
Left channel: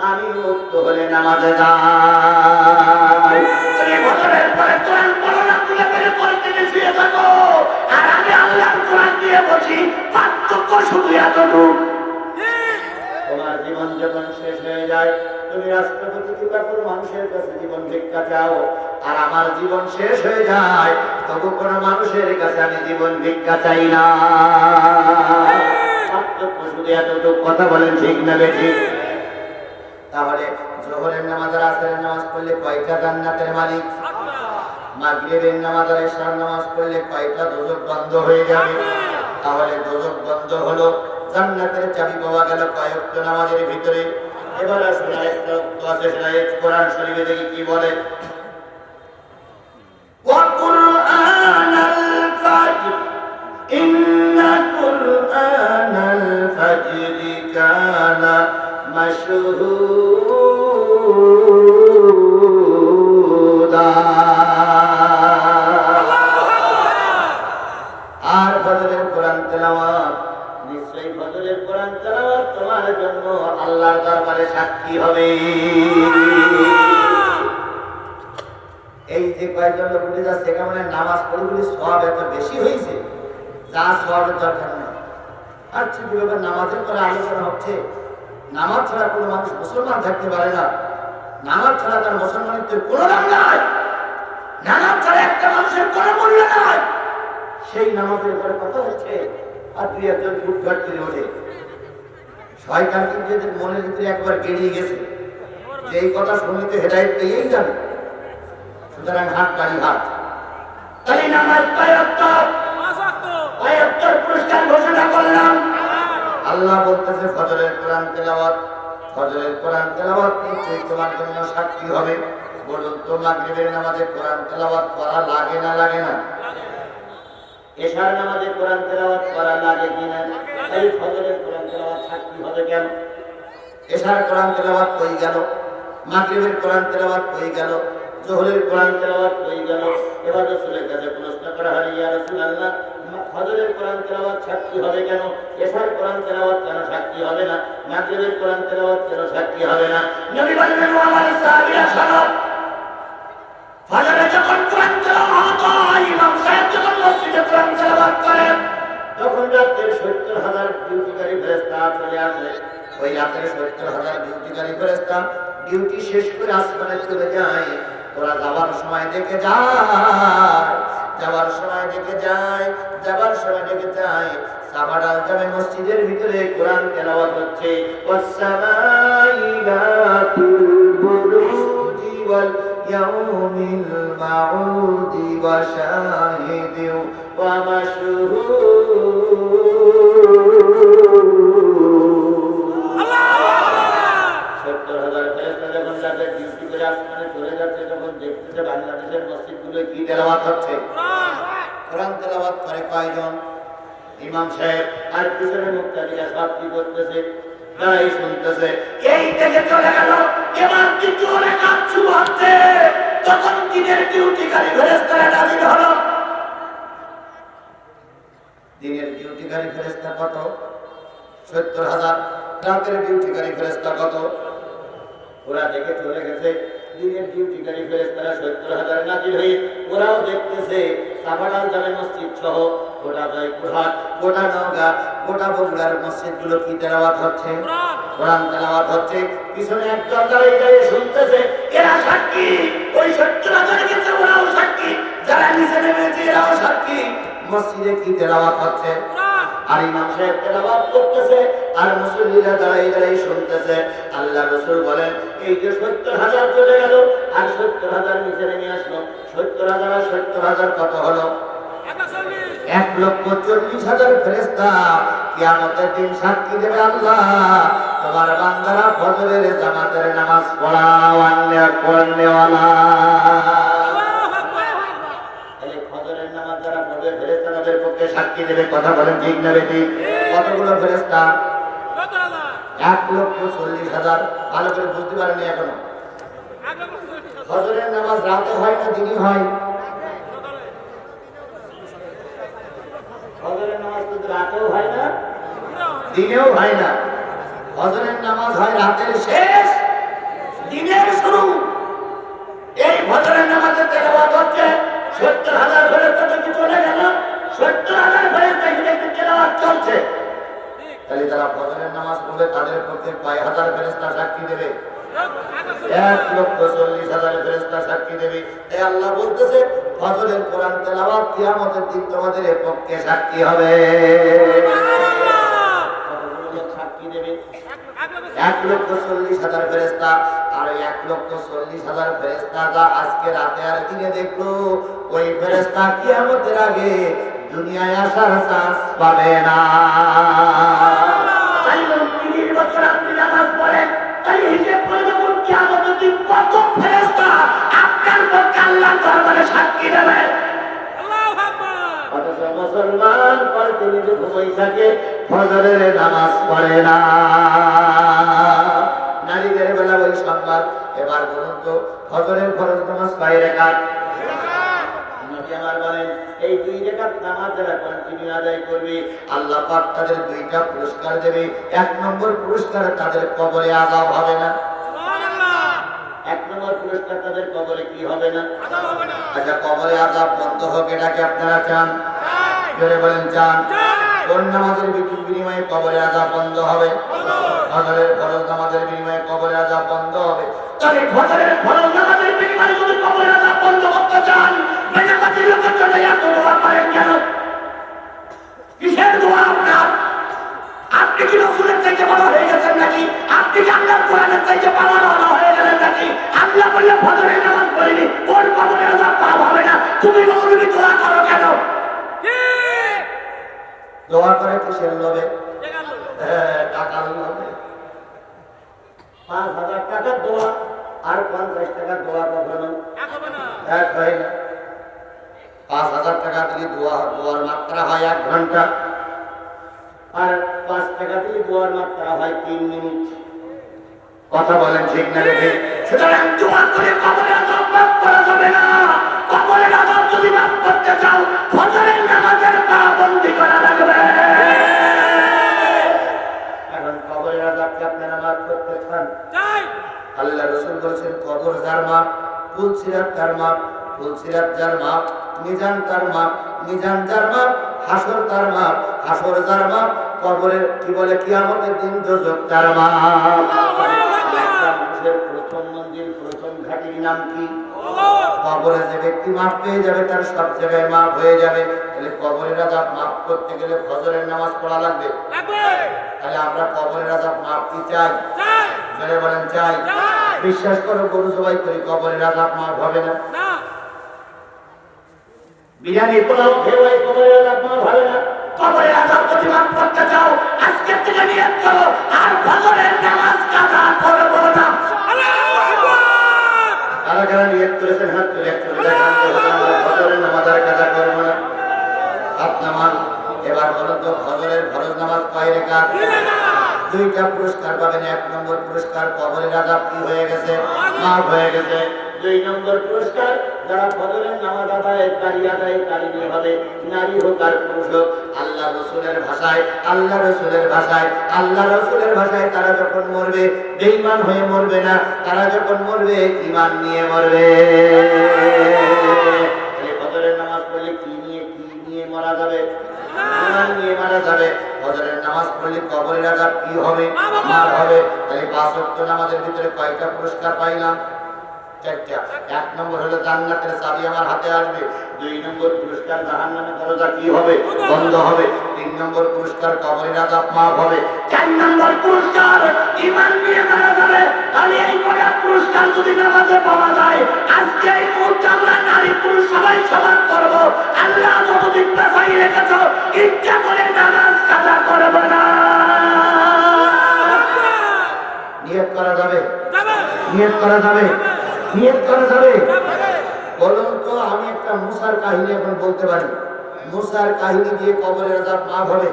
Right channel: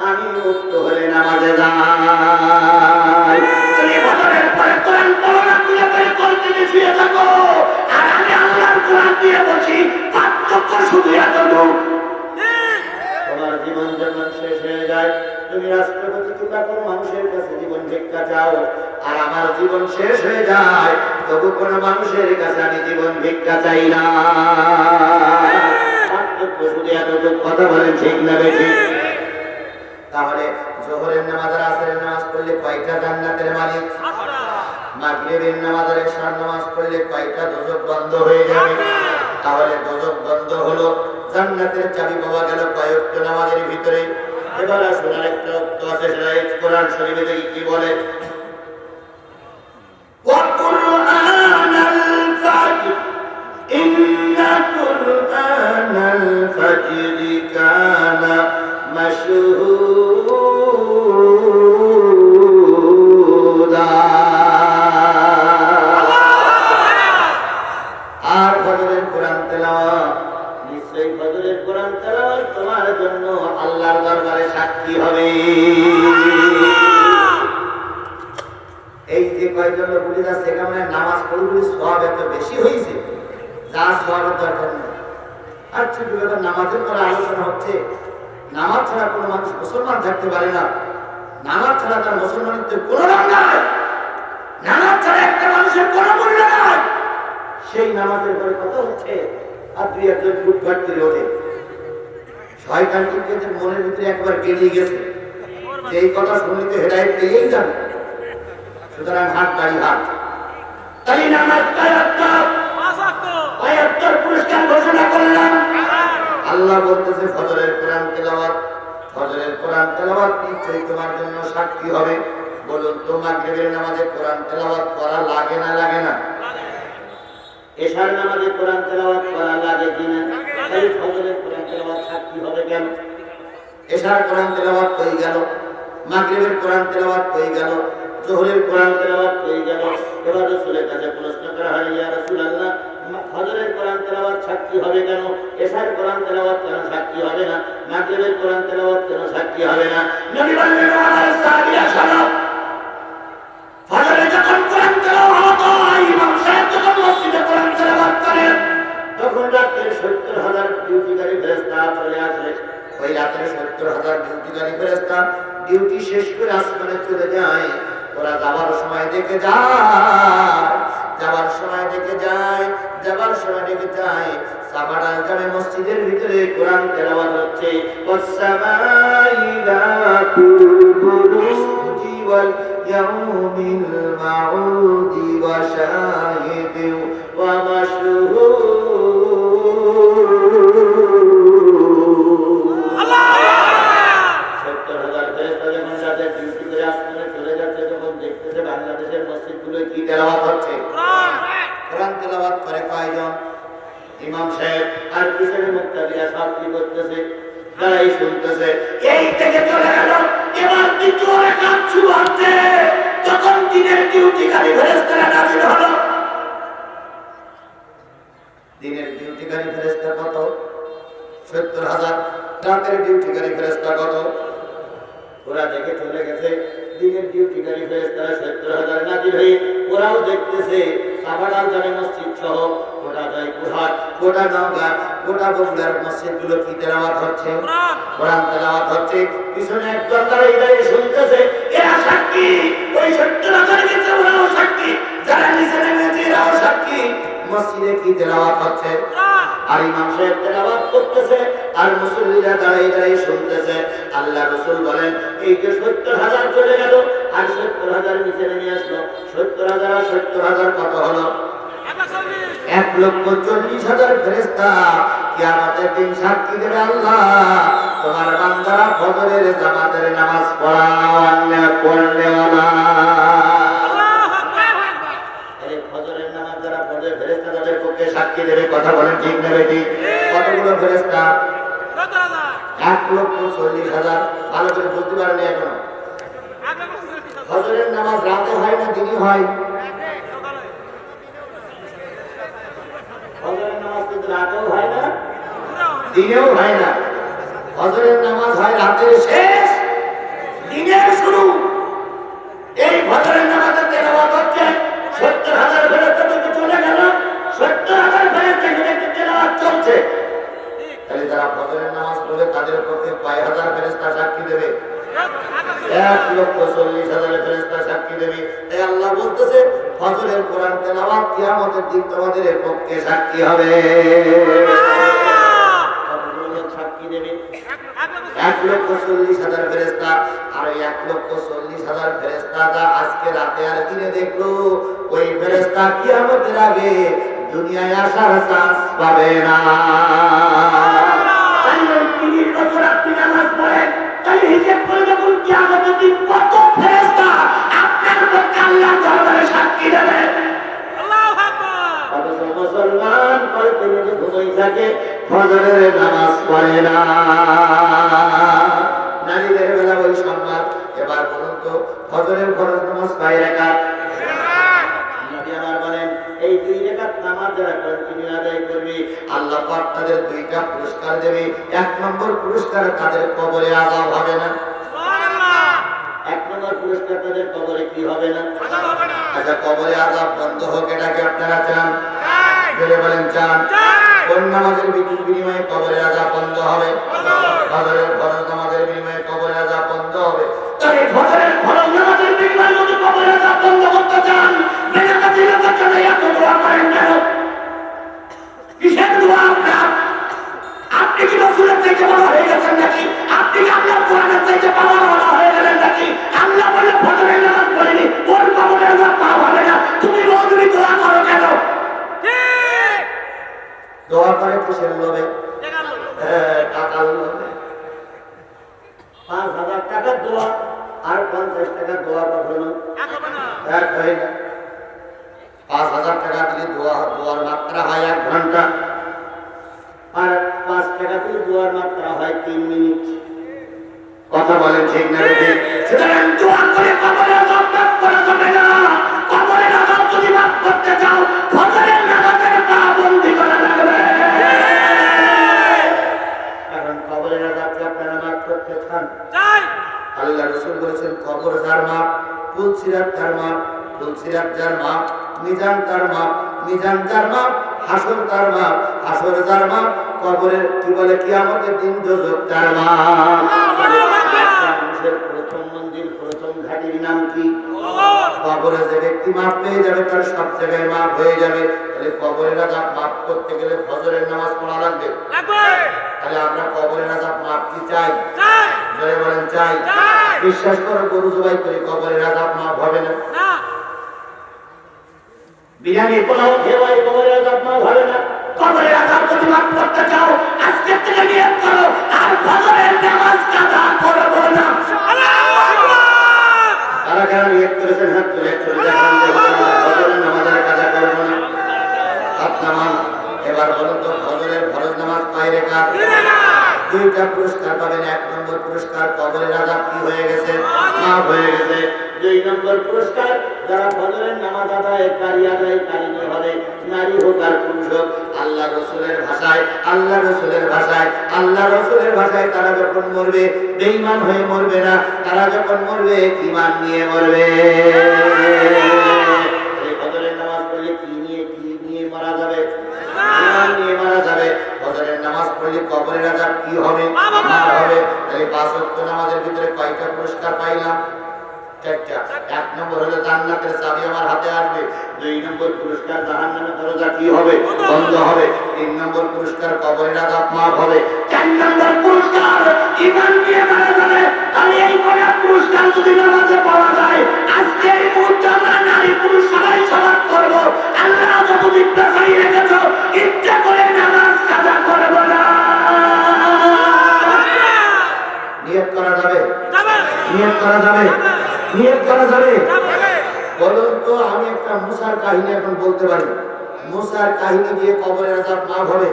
আমি মুক্ত হলে নামাজে যাই। তুমি বছরের পরে কোরআন পড়ো না, তুলে করে কলকে শুয়ে থাকো, আর আমি আল্লাহর কোরআন দিয়ে বসি। পার্থক্য শুধু এতটুকু, তোমার জীবন যখন শেষ হয়ে যায়, তুমি রাষ্ট্রপতি কিংবা কোনো মানুষের কাছে জীবন ভিক্ষা চাও, আর আমার জীবন শেষ হয়ে যায়, তবু কোনো মানুষের কাছে আমি জীবন ভিক্ষা চাই না। পার্থক্য শুধু এতটুকু। কথা বলেন ঠিক না বেঠিক? তাহলে জোহরের নামাজ আর আসরের নামাজ পড়লে কয়টা জান্নাতের মালিক? মাগরিবের নামাজ আর ইশার নামাজ পড়লে কয়টা দোজখ বন্ধ হয়ে যাবে? তাহলে দোজখ বন্ধ হলো, জান্নাতের চাবি পাওয়া গেল কয়েকটা নামাজের ভিতরে। এবার আসুন আরেকটা তো আছে, সেটা কোরআন শরীফে দেখি কি বলে। ওয়া কুরআনাল ফাজর ইন্না কুরআনাল ফাজরি কানা মাশহুদা। আর ফজরের কোরআন তেলাওয়াত, নিশ্চয়ই ফজরের কোরআন তেলাওয়াত তোমার জন্য আল্লাহর দরবারে সাক্ষী হবে। এই যে কয়েকজন লোক উঠে যাচ্ছে, কেমন নামাজ পড়ে সওয়াব এত বেশি হয়েছে, যা সওয়াবের দরকার নেই। আর ছোট ব্যাপার, নামাজের পরে আলোচনা হচ্ছে, নামাজ ছাড়া কোনো মানুষ মুসলমান থাকতে পারে না। নামাজ ছাড়া তার মুসলমানিত্বের কোনো দাম নাই। নামাজ ছাড়া একটা মানুষের কোনো মূল্য নাই। সেই নামাজের উপরে কথা হচ্ছে আর দুই একজন ফুটফাট করে ওঠে। শয়তান কিন্তু এদের মনের ভিতরে একবার বেরিয়ে গেছে যে এই কথা শুনলে তো হেদায়েত পেয়েই যাবে। সুতরাং হাত গাড়ি হাত তাই নামাজ কয়েকটার পুরস্কার ঘোষণা করলাম। আল্লাহ বলতেছে ফজরের কোরআন তেলাওয়াত, ফজরের কোরআন তেলাওয়াত নিশ্চয়ই তোমার জন্য সাক্ষী হবে। বলুন তো মাগরিবের নামাজে কোরআন তেলাওয়াত করা লাগে না লাগে না? এশার নামাজে কোরআন তেলাওয়াত করা লাগে কিনা? তাই ফজরের কোরআন তেলাওয়াত সাক্ষী হবে কেন? এশার কোরআন তেলাওয়াত কই গেল, মাগরিবের কোরআন তেলাওয়াত কই গেল, যোহরের কোরআন তেলাওয়াত কই গেল? এবার রাসূলের কাছে প্রশ্ন করা হয়, ইয়া রাসূলুল্লাহ, ফজরের কোরআন তেলাওয়াত সাক্ষী হবে কেন? এশার কোরআন তেলাওয়াত কেন সাক্ষী হবে না? মাগরিবের কোরআন তেলাওয়াত কেন সাক্ষী হবে না? নবী বললেন, ও আমার সাহাবীরা শোনো, ফজরে যখন কোরআন তেলাওয়াত হয়, ইমাম সাহেব যখন মসজিদে কোরআন তেলাওয়াত করেন, তখন রাতের ৭০,০০০ ডিউটিকারী ফেরেশতা চলে আসে। ওই রাতের ৭০,০০০ ডিউটিকারী ফেরেশতা ডিউটি শেষ করে আসমানে চলে যায়। ওরা যাবার সময় দেখে যায়, যাবার সময় দেখে যায়, যাবার সময় দেখে যায় সাবাডাল জামে মসজিদের ভিতরে কোরআন তেলাওয়াত হচ্ছে। ওয়াসসামাই যাতুল বুরুজি ওয়াল ইয়াউমিল মাউদি ওয়া শাহিদি ওয়া মাশহুদ। আল্লাহু আকবার। ৭০,০০০ ফেরেশতা যখন রাতে ডিউটি করে আসমানে চলে যাচ্ছে, যখন দেখতেছে বাংলাদেশের মসজিদগুলো কি তেলাওয়াত হচ্ছে, কোরআন তেলাওয়াত করে কয়জন? ইমাম সাহেব আর পিছনে মুক্তাদিরা সব কি করতেছে? তারাই শুনতেছে। এই থেকে চলে গেল, এবার দ্বিতীয় রাকাত শুরু হচ্ছে। তখন দিনের ডিউটিকারী ফেরেশতারা নাযিল হলো। দিনের ডিউটিকারী ফেরেশতা কত? ৭০,০০০। রাতের ডিউটিকারী ফেরেশতা কত? ওরা দেখে চলে গেছে। দিনের ডিউটিকারী ফেরেশতারা ৭০,০০০ নাযিল হয়ে ওরাও দেখতেছে সাভারাল জামে মসজিদ সহ গোটা জয়পুরহাট, গোটা নওগাঁ, গোটা বগুড়ার মসজিদগুলো কি তেলাওয়াত হচ্ছে? কোরআন তেলাওয়াত হচ্ছে। পিছনে একজন দাঁড়িয়ে শুনতেছে। এরা সাক্ষী, ওই ৭০,০০০ গেছে, ওরাও সাক্ষী, যারা নিচে নেমেছে এরাও সাক্ষী। মসজিদে কি তেলাওয়াত হচ্ছে? আর ইমাম সাহেব তেলাওয়াত করতেছে, আর মুসল্লিরা দাঁড়িয়ে শুনতেছে। আল্লাহ রাসূল বলেন, এই যে ৭০,০০০ চলে গেল আর ৭০,০০০ নিচে নেমে আসলো, ৭০,০০০ আর ৭০,০০০ কত হলো? ১,৪০,০০০ ফেরেশতা কিয়ামতের দিন সাক্ষী দেবে, আল্লাহ তোমার বান্দারা ফজরের জামাতের নামাজ পড়নেওয়ালা। ফজরের নামাজ যারা পড়ে ফেরেশতা তাদের পক্ষে সাক্ষী দেবে। কথা বলেন ঠিক না বেঠিক? কতগুলো ফেরেশতা? ১,৪০,০০০। ভালো করে বুঝতে পারেননি এখনো? ফজরের নামাজ রাতে হয় না দিনই হয়? ফজরের নামাজ কিন্তু রাতেও হয় না, দিনেও হয় না। ফজরের নামাজ হয় রাতের শেষ, দিনের শুরু। এই ফজরের নামাজের তেলাওয়াত হচ্ছে। ৭০,০০০ ফেরেশতা থেকে চলে গেল, ৭০,০০০ ফেরেশতা থেকে তেলাওয়াত চলছে। তাহলে যারা ফজরের নামাজ পড়বে তাদের পক্ষে কয় হাজার ফেরেশতা সাক্ষী দেবে? ১,৪০,০০০ ফেরেশতা সাক্ষী দেবে। তাই আল্লাহ বলতেছে, ফজরের কোরআন তেলাওয়াত কিয়ামতের দিন তোমাদের পক্ষে সাক্ষী হবে। কতগুলো লোক সাক্ষী দেবে? ১,৪০,০০০ ফেরেশতা। আর ১,৪০,০০০ ফেরেশতা যা আজকে রাতে আর দিনে দেখলো, ওই ফেরেশতা কিয়ামতের আগে দুনিয়ায় আসার চান্স পাবে না। মুসলমান পড়তে নিজে ঘুমাই থাকে, ফজরের নামাজ পড়ে না। নারীদের বেলা ওই সংবাদ। এবার বলুন তো, ফজরের ফরজ নামাজ কয় রাকাত? নবী আমার বলেন, এই 2 রাকাত নামাজ যারা কন্টিনিউ আদায় করবে, আল্লাহ পাক তাদের 2টা পুরস্কার দেবে। 1 নম্বর পুরস্কার, তাদের কবরে আযাব হবে না। সুবহানাল্লাহ। 1 নম্বর পুরস্কার, তাদের কবরে কি হবে না? আযাব হবে না। আচ্ছা, কবরে আযাব বন্ধ হোক, এটাকে আপনারা চান? জোরে বলেন চান? কোন নামাজের বিনিময়ে কবরের আযাব বন্ধ হবে? ফজরের ফরজ নামাজের বিনিময়ে কবরের আযাব বন্ধ হবে। তবে ফজরের ফরজ নামাজের বিনিময়ে যদি কবরের আযাব বন্ধ করতে চান, বেনামাজির জন্য এত দোয়া করেন কেন? কিসের দোয়া আপনার? আপনি কি রাসূলের চাইতে বড় হয়ে গেছেন নাকি? আপনি কি আল্লাহর কোরআনের চাইতে বড় হয়ে গেলেন নাকি? আল্লাহ বলে ফজরের নামাজ পড়লি ওর কবরের আযাব পাওয়া হবে না, তুমি মৌলবি দোয়া করো কেন? দোয়া করে কিসের লোভে? টাকার লোভে। 5,000 টাকার দোয়া আর 50 টাকার দোয়া কখনো এক হয় না। 5,000 টাকা দিলে দোয়ার মাত্রা হয় 1 ঘন্টা, আর 5 টাকা দিলে দোয়ার মাত্রা হয় 3 মিনিট। কথা বলেন ঠিক না? সুতরাং দোয়া করে কবরের আযাব মাফ করা যাবে না। কবরের আযাব যদি মাফ করতে চাও, ফজরের নামাজের পাবন্দি করা লাগবে। এখন কবরের আযাব কি আপনারা মাফ করতে চান? আল্লাহ রাসূল বলেছেন, কবর যার মাপ, পুলসিরাত তার মাপ, পুলসিরাত যার মাপ, মিজান তার মাপ, মিজান যার মাপ, হাসর তার মাপ, হাসর যার মাপ, কবরের কি বলে কিয়ামতের দিন দোজখ তার মাপ। মানুষের প্রথম মন্দির, প্রথম ঘাটির নাম কি? কবরে যে ব্যক্তি মাপ পেয়ে যাবে তার সব জায়গায় মাপ হয়ে যাবে। তাহলে কবরের আযাব মাপ করতে গেলে ফজরের নামাজ পড়া লাগবে। তাহলে আমরা কবরের আযাব মাপ কি চাই? জোরে বলেন চাই। বিশ্বাস করো, গরু জবাই করে কবরের আযাব মাপ হবে না। বিরিয়ানি পোলাও খেয়ে কবরের আযাব মাপ হবে না। কবরের আযাব যদি মাফ করতে চাও, আজকে থেকে নিয়ত করো আর ফজরের নামাজ কাজা করব না। আল্লাহু আকবার। কারা নিয়ত করেছেন হাত তুলে একটু দেখান যে ফজরের নামাজ আর কাজা করব না। হাত নামান। এবার বলুন তো ফজরের ফরজ নামাজ কয় রাকাত? 2টা পুরস্কার পাবেন। 1 নম্বর পুরস্কার, কবরের আযাব কি হয়ে গেছে? মাফ হয়ে গেছে। 2 নম্বর পুরস্কার, যারা ফজরের নামাজ আদায়কারী হবে, নারী হোক আর পুরুষ হোক, আল্লাহ রাসূলের ভাষায় তারা যখন মরবে বেঈমান হয়ে মরবে না, তারা যখন মরবে ঈমান নিয়ে মরবে। এই ফজরের নামাজ পড়লে কি নিয়ে মারা যাবে? ঈমান নিয়ে মারা যাবে। ফজরের নামাজ পড়লে কবরের আযাব কি হবে? মাফ হবে। তাহলে 5 ওয়াক্ত নামাজের ভিতরে কয়টা পুরস্কার পাইলাম? 4টা। 1 নম্বর হলো জান্নাতের চাবি আমার হাতে আসবে। 2 নম্বর পুরস্কার জাহান্নামের দরজা কি হবে? বন্ধ হবে। 3 নম্বর পুরস্কার কবরের আযাব মাফ হবে। 4 নম্বর পুরস্কার ঈমান নিয়ে মারা যাবে। তাহলে এই কটা পুরস্কার যদি নামাজে পাওয়া যায়, আজকে এই মুহূর্তে আমরা নারী পুরুষ সবাই সমান করব। আল্লাহ যতদিন বাঁচাই রেখেছো, ইচ্ছা করে নামাজ কাজা করব না। নিয়ত করা যাবে? নিয়ত করা যাবে? নিয়ত করা যাবে? বলুন তো, আমি একটা মুসার কাহিনী এখন বলতে পারি। মুসার কাহিনী দিয়ে কবরের আযাব মাফ হবে?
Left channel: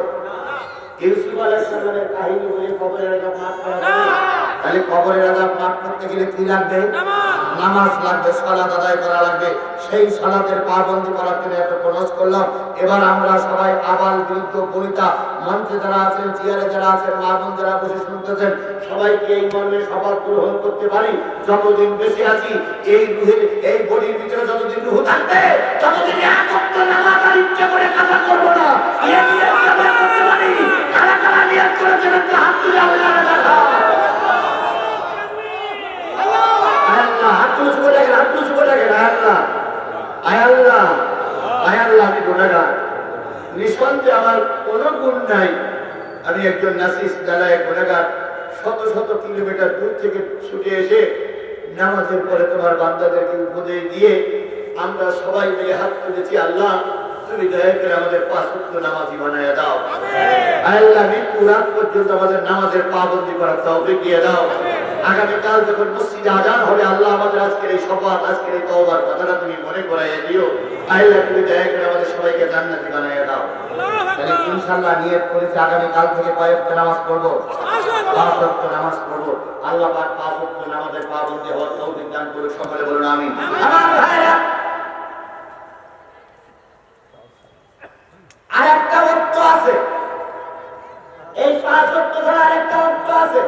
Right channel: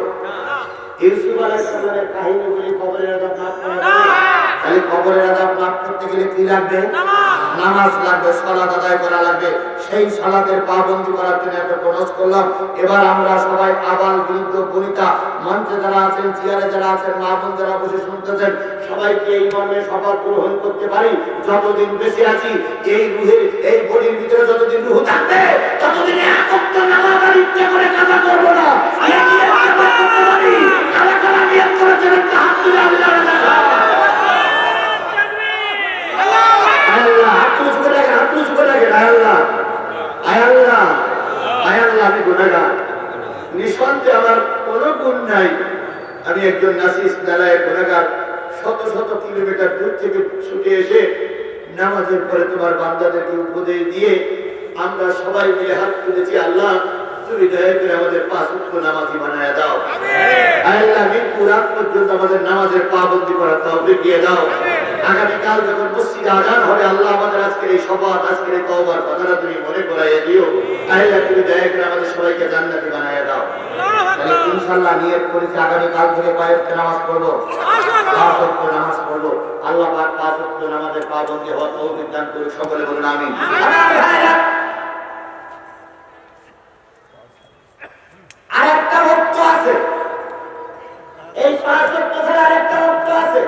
ইউসুফ আলাইহিস সালামের কাহিনী বলে কবরের আযাব মাফ করা যাবে? তাহলে কবরের আযাব মাফ করতে গেলে কি লাগবে? নামাজ লাগবে, সালাত আদায় করা লাগবে। সেই সালাতের পাবন্দি করার জন্য এত প্রয়াস করলাম। এবার আমরা সবাই আবাল বৃদ্ধ বনিতা, মঞ্চে যারা আছেন, চেয়ারে যারা আছেন, মা বোন যারা বসে শুনতেছেন, সবাইকে এই মর্মে শপথ গ্রহণ করতে পারি, যতদিন বেঁচে আছি এই রুহের এই বডির ভিতরে যতদিন রুহ থাকবে ততদিন এক ওয়াক্ত নামাজ আর ইচ্ছা করে কাজা করব না। এই নিয়ত শপথ করতে পারি। কারা কারা নিয়ত করেছেন একটু হাত তুলে আল্লাহর কাছে। আল্লাহ হাত তুলে চুকে রাখেন, হাত তুলে চুকে রাখেন। আল্লাহ আমি গুনাহগার, নিঃসন্দেহে আমার কোনো গুণ নাই। আমি একজন নাসিস দালায়ের গুনাহগার। শত শত কিলোমিটার দূর থেকে ছুটে এসে নামাজের পরে তোমার বান্দাদেরকে উপদেশ দিয়ে আমরা সবাই মিলে হাত তুলেছি, আল্লাহ তুমি দয়া করে আমাদের 5 ওয়াক্ত নামাজি বানায় দাও। আল্লাহ মৃত্যু রাত পর্যন্ত আমাদের নামাজের পাবন্দি করার তৌফিক দিয়ে দাও। আগামীকাল যখন মসজিদে আযান হবে, আল্লাহ আমাদের আজকের এই শপথ, আজকের এই তওবার কথাটা তুমি মনে করাইয়ে দিও। আল্লাহ তুমি দয়া করে আমাদের সবাইকে জান্নাতি বানায় দাও। তাহলে ইনশাআল্লাহ নিয়ত করেছি আগামীকাল থেকে 5 ওয়াক্ত নামাজ পড়বো, 5 ওয়াক্ত নামাজ পড়বো। আল্লাহ পাক 5 ওয়াক্ত নামাজের পাবন্দি হওয়ার তৌফিক দান করুন। সকলে বলুন আমিন। আমার ভাইরা, আরেকটা ওয়াক্ত আছে, এই 5 ওয়াক্ত ছাড়া আরেকটা ওয়াক্ত আছে।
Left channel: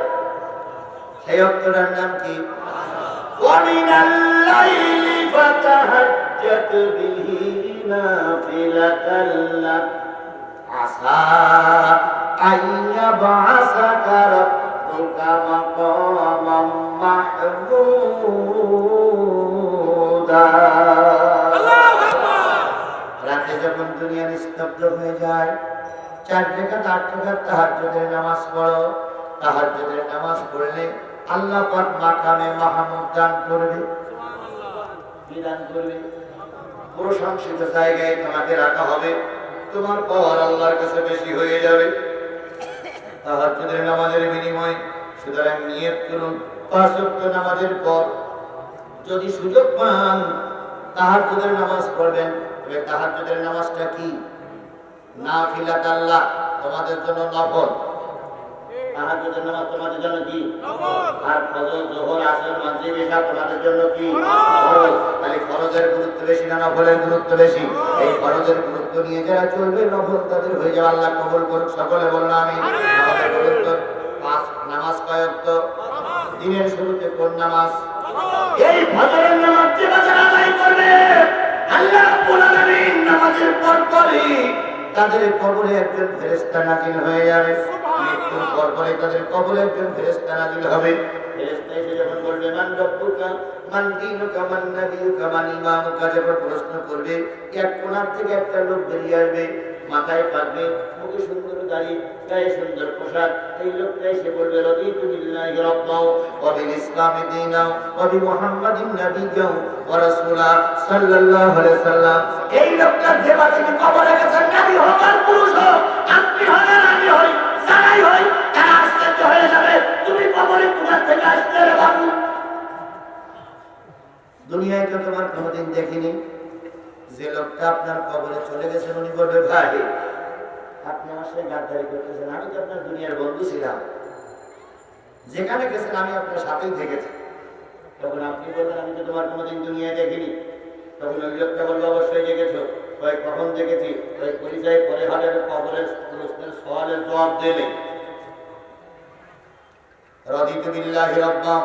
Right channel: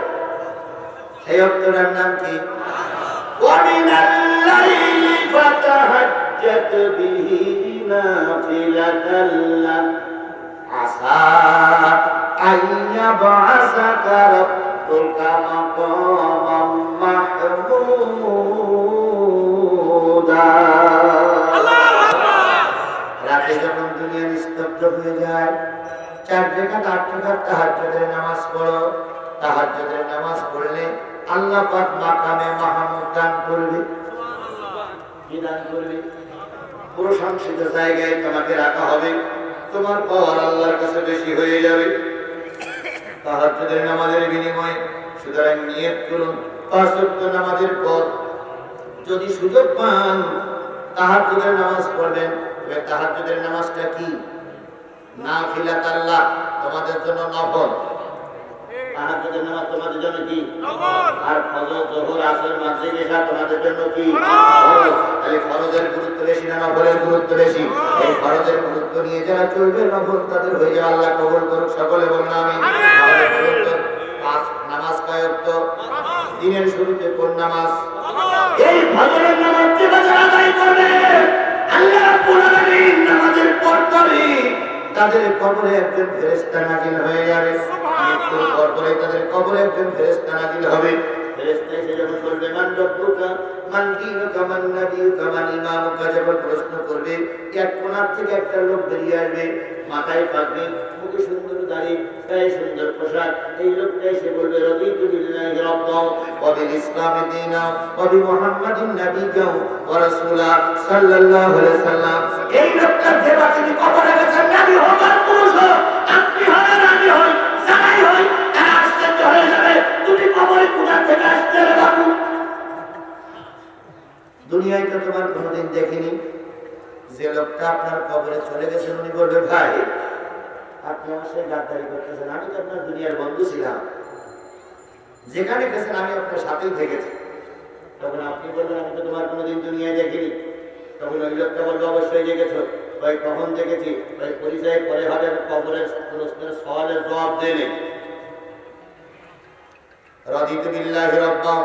সেই ওয়াক্তটার নাম কি? ওয়া মিনাল লাইলি ফাতাহাজ্জাত বিহি নাফিলাতাল লাক আসা আইয়া বাসাকা রাব্বুকা মাকামাম মাহমুদা। রাতে যখন দুনিয়া নিস্তব্ধ হয়ে যায়, 4 রাকাত 8 রাকাত তাহাজ্জুদের নামাজ পড়ো। তাহাজ্জুদের নামাজ পড়লে আল্লাহ পাক মাকামে মাহমুদ দান করবে। সুবহানাল্লাহ। কি দান করবে? প্রশংসিত জায়গায় তোমাকে রাখা হবে, তোমার পাওয়ার আল্লাহর কাছে বেশি হয়ে যাবে। তাহাজ্জুদের নামাজের বিনিময়ে সুতরাং নিয়ত করুন 5 ওয়াক্ত নামাজের পর যদি সুযোগ পান তাহাজ্জুদের নামাজ পড়বেন। তবে তাহাজ্জুদের নামাজটা কি? নাফিলাত, আল্লাহ তোমাদের জন্য নফল। তাহাজ্জুদের নামাজ তোমাদের জন্য কি? নফল। আর ফজর, যোহর, আসর, মাগরিব, ইশা তোমাদের জন্য কি? ফরজ। তাহলে ফরজের গুরুত্ব বেশি না নফলের গুরুত্ব বেশি? এই ফরজের গুরুত্ব নিয়ে যারা চলবে নফল তাদের হয়ে যাবে। আল্লাহ কবুল করুক, সকলে বলুন আমিন। তাহলে বলুন তো নামাজ কয় ওয়াক্ত? দিনের শুরুতে কোন নামাজ? এই ফজরের নামাজ যে বাজার আদায় করবে আল্লাহ রাব্বুল আলামিন নামাজের পরপরই তাদের কবরে একজন ফেরেশতা নাজিল হয়ে যাবে। মৃত্যুর পরপরই তাদের কবরে একজন ফেরেশতা নাজিল হবে। ফেরেশতা এসে যখন বলবে মান রব্বুকা মান দীনুকা মান নাবিয়ুকা মান ইমামুকা, যখন প্রশ্ন করবে এক কোণা থেকে একটা লোক বেরিয়ে আসবে, মাথায় পাগড়ি, মুখে সুন্দর দাড়ি, গায়ে সুন্দর পোশাক। এই লোকটা এসে বলবে রাদিতু বিল্লাহি রাব্বান ওয়া বিল ইসলামি দীনান ওয়া বি মুহাম্মাদিন নাবিয়্যান ওয়া রাসূলা সাল্লাল্লাহু আলাইহি সাল্লাম। এই লোকটা যে বাকি কবরে গেছেন, নবী হোক আর পুরুষ হোক, আপনি হন আর আমি হই, যারাই হই তারা আশ্চর্য হয়ে যাবে, তুমি কবরে কোথা থেকে আসলে রে বাবু? দুনিয়ায় তো তোমার কোনোদিন দেখিনি। যে লোকটা আপনার কবরে চলে গেছেন উনি বলবে ভাই আপনি আমার সাথে গাদ্দারি করতেছেন, আমি তো আপনার দুনিয়ার বন্ধু ছিলাম, যেখানে গেছেন আমি আপনার সাথেই থেকেছি। তখন আপনি বলবেন আমি তো তোমার কোনোদিন দুনিয়ায় দেখিনি। তখন ওই লোকটা বলবে অবশ্যই দেখেছ। ভাই কখন দেখেছি? ভাই পরিচয় করে হবে, কবরের প্রশ্নের সওয়ালের জবাব দেবে। রাদিতু বিল্লাহি রাব্বান,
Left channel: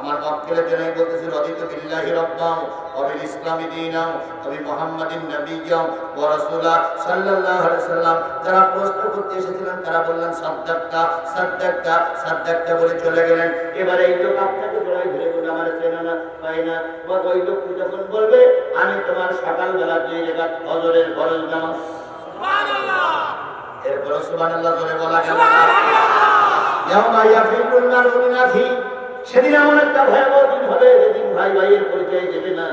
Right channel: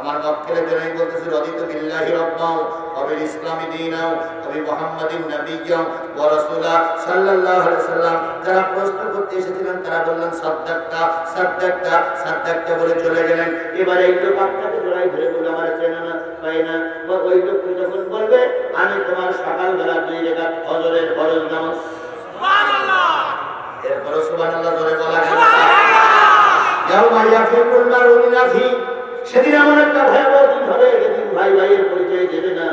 আমার মক্কেলের জন্যই বলতেছি রাদিতু বিল্লাহি রাব্বান ওয়া বিল ইসলামি দীনান ওয়া বি মুহাম্মাদিন নাবিয়্যান ওয়া রাসূলা সাল্লাল্লাহু আলাইহি সাল্লাম। যারা প্রশ্ন করতে এসেছিলেন তারা বললেন সাদ্দাক্তা সাদ্দাক্তা সাদ্দাক্তা বলে চলে গেলেন। এবার এই লোক আপনাকে জড়াই ধরে বলবে আমার চেনা না পাই না। বা ওই লোকটি যখন বলবে আমি তোমার সকালবেলা 2 রাকাত ফজরের ফরজ নামাজ। সুবহানাল্লাহ। এরপর সুবহানাল্লাহ জোরে বলা গেল। ইয়াউমা ইয়াফিরুল মারউ মিন আখি, সেদিন এমন একটা ভয়াবহ দিন হবে যেদিন ভাই ভাইয়ের পরিচয় দেবে না,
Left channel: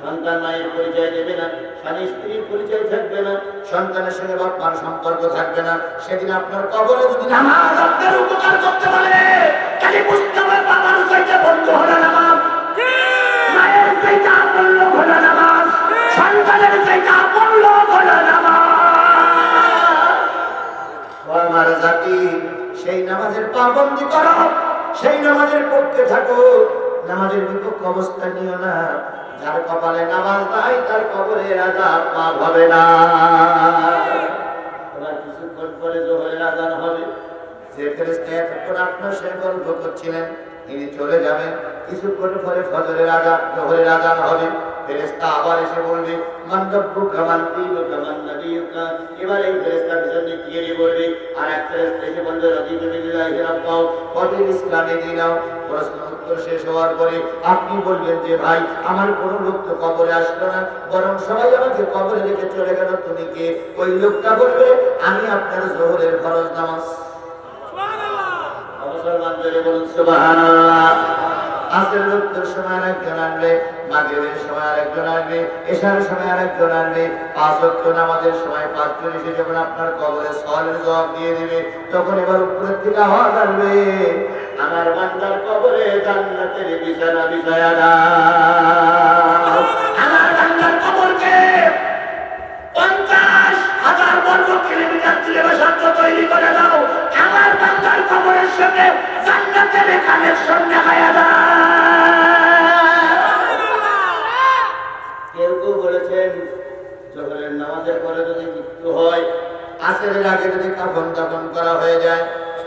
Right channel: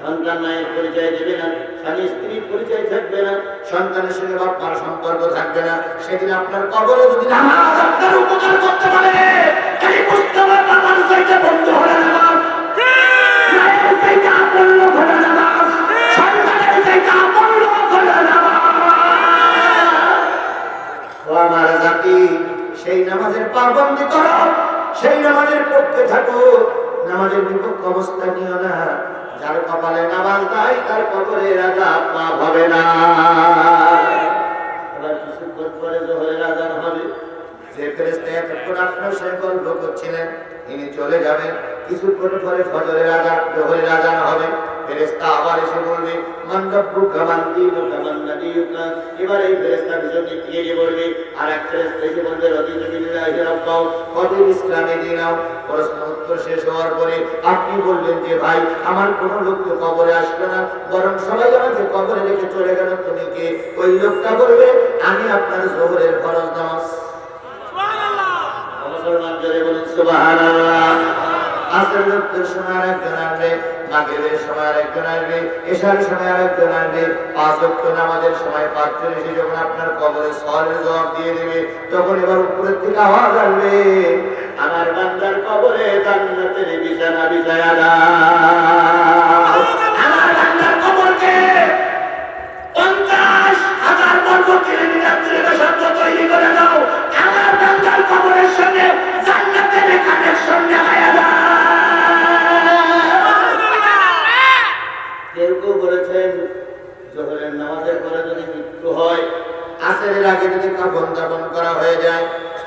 সন্তান মায়ের পরিচয় দেবে না, স্বামী স্ত্রীর পরিচয় থাকবে না, সন্তানের সঙ্গে বাপ মার সম্পর্ক থাকবে না। সেদিন আপনার কবরে যদি নামাজ আপনার উপকার করতে পারে, খালি বুঝতে হবে বাবার চাইতে বন্ধু হবে নামাজ, মায়ের চাইতে আপন লোক হবে নামাজ, সন্তানের চাইতে আপন লোক হবে নামাজ। ও আমার জাতি, সেই নামাজের পাবন্দি করো, সেই নামাজের পক্ষে থাকো, নামাজের বিপক্ষ অবস্থান নিও না। যার কপালে নামাজ নাই তার কবরে আযাব মাফ হবে না। এবার কিছুক্ষণ পরে যোহরের আযান হবে। যে ফেরেশতা এতক্ষণ আপনার সঙ্গে গল্প করছিলেন তিনি চলে যাবেন। কিছুক্ষণ পরে ফজরের আযান, যোহরের আযান হবে। ফেরেশতা আবার এসে বলবে মান রব্বুকা মান দীনুকা মান নাবিয়্যুকা। এবার এই ফেরেশতা পিছন দিক থেকে বলবে, আর এক ফেরেশতা এসে বলবে রাদিতু বিল্লাহি রাব্বান ওয়া বিল ইসলামি দীনান। প্রশ্ন উত্তর শেষ হওয়ার পরে আপনি বলবেন যে ভাই আমার কোনো লোক তো কবরে আসলো না, বরং সবাই আমাকে কবরে রেখে চলে গেল, তুমি কে? ওই লোকটা বলবে আমি আপনার যোহরের ফরজ নামাজ। সুবহানাল্লাহ। মুসলমান জোরে বলুন সুবহানাল্লাহ। আসরের লোকদের সময় আরেকজন আসবে, মাগরিবের সময় আরেকজন আসবে, ইশার সময় আরেকজন আসবে। 5 ওয়াক্ত নামাজের সময় 5 জন এসে যখন আপনার কবরে সওয়ালের জবাব দিয়ে দেবে, তখন এবার উপরের থেকে আওয়াজ আসবে আমার বান্দার কবরে জান্নাতের বিছানা বিছায়া দাও। আমার বান্দার কবরকে 50,000 বর্গ কিলোমিটার দূরে বসাতে তৈরি করে দাও। আমার বান্দার কবরের সঙ্গে জান্নাতের কানেকশন লাগায়া দাও। কেউ কেউ বলেছেন যোহরের নামাজের পরে যদি মৃত্যু হয়, আসরের আগে যদি কাফন দাফন করা হয়ে যায়,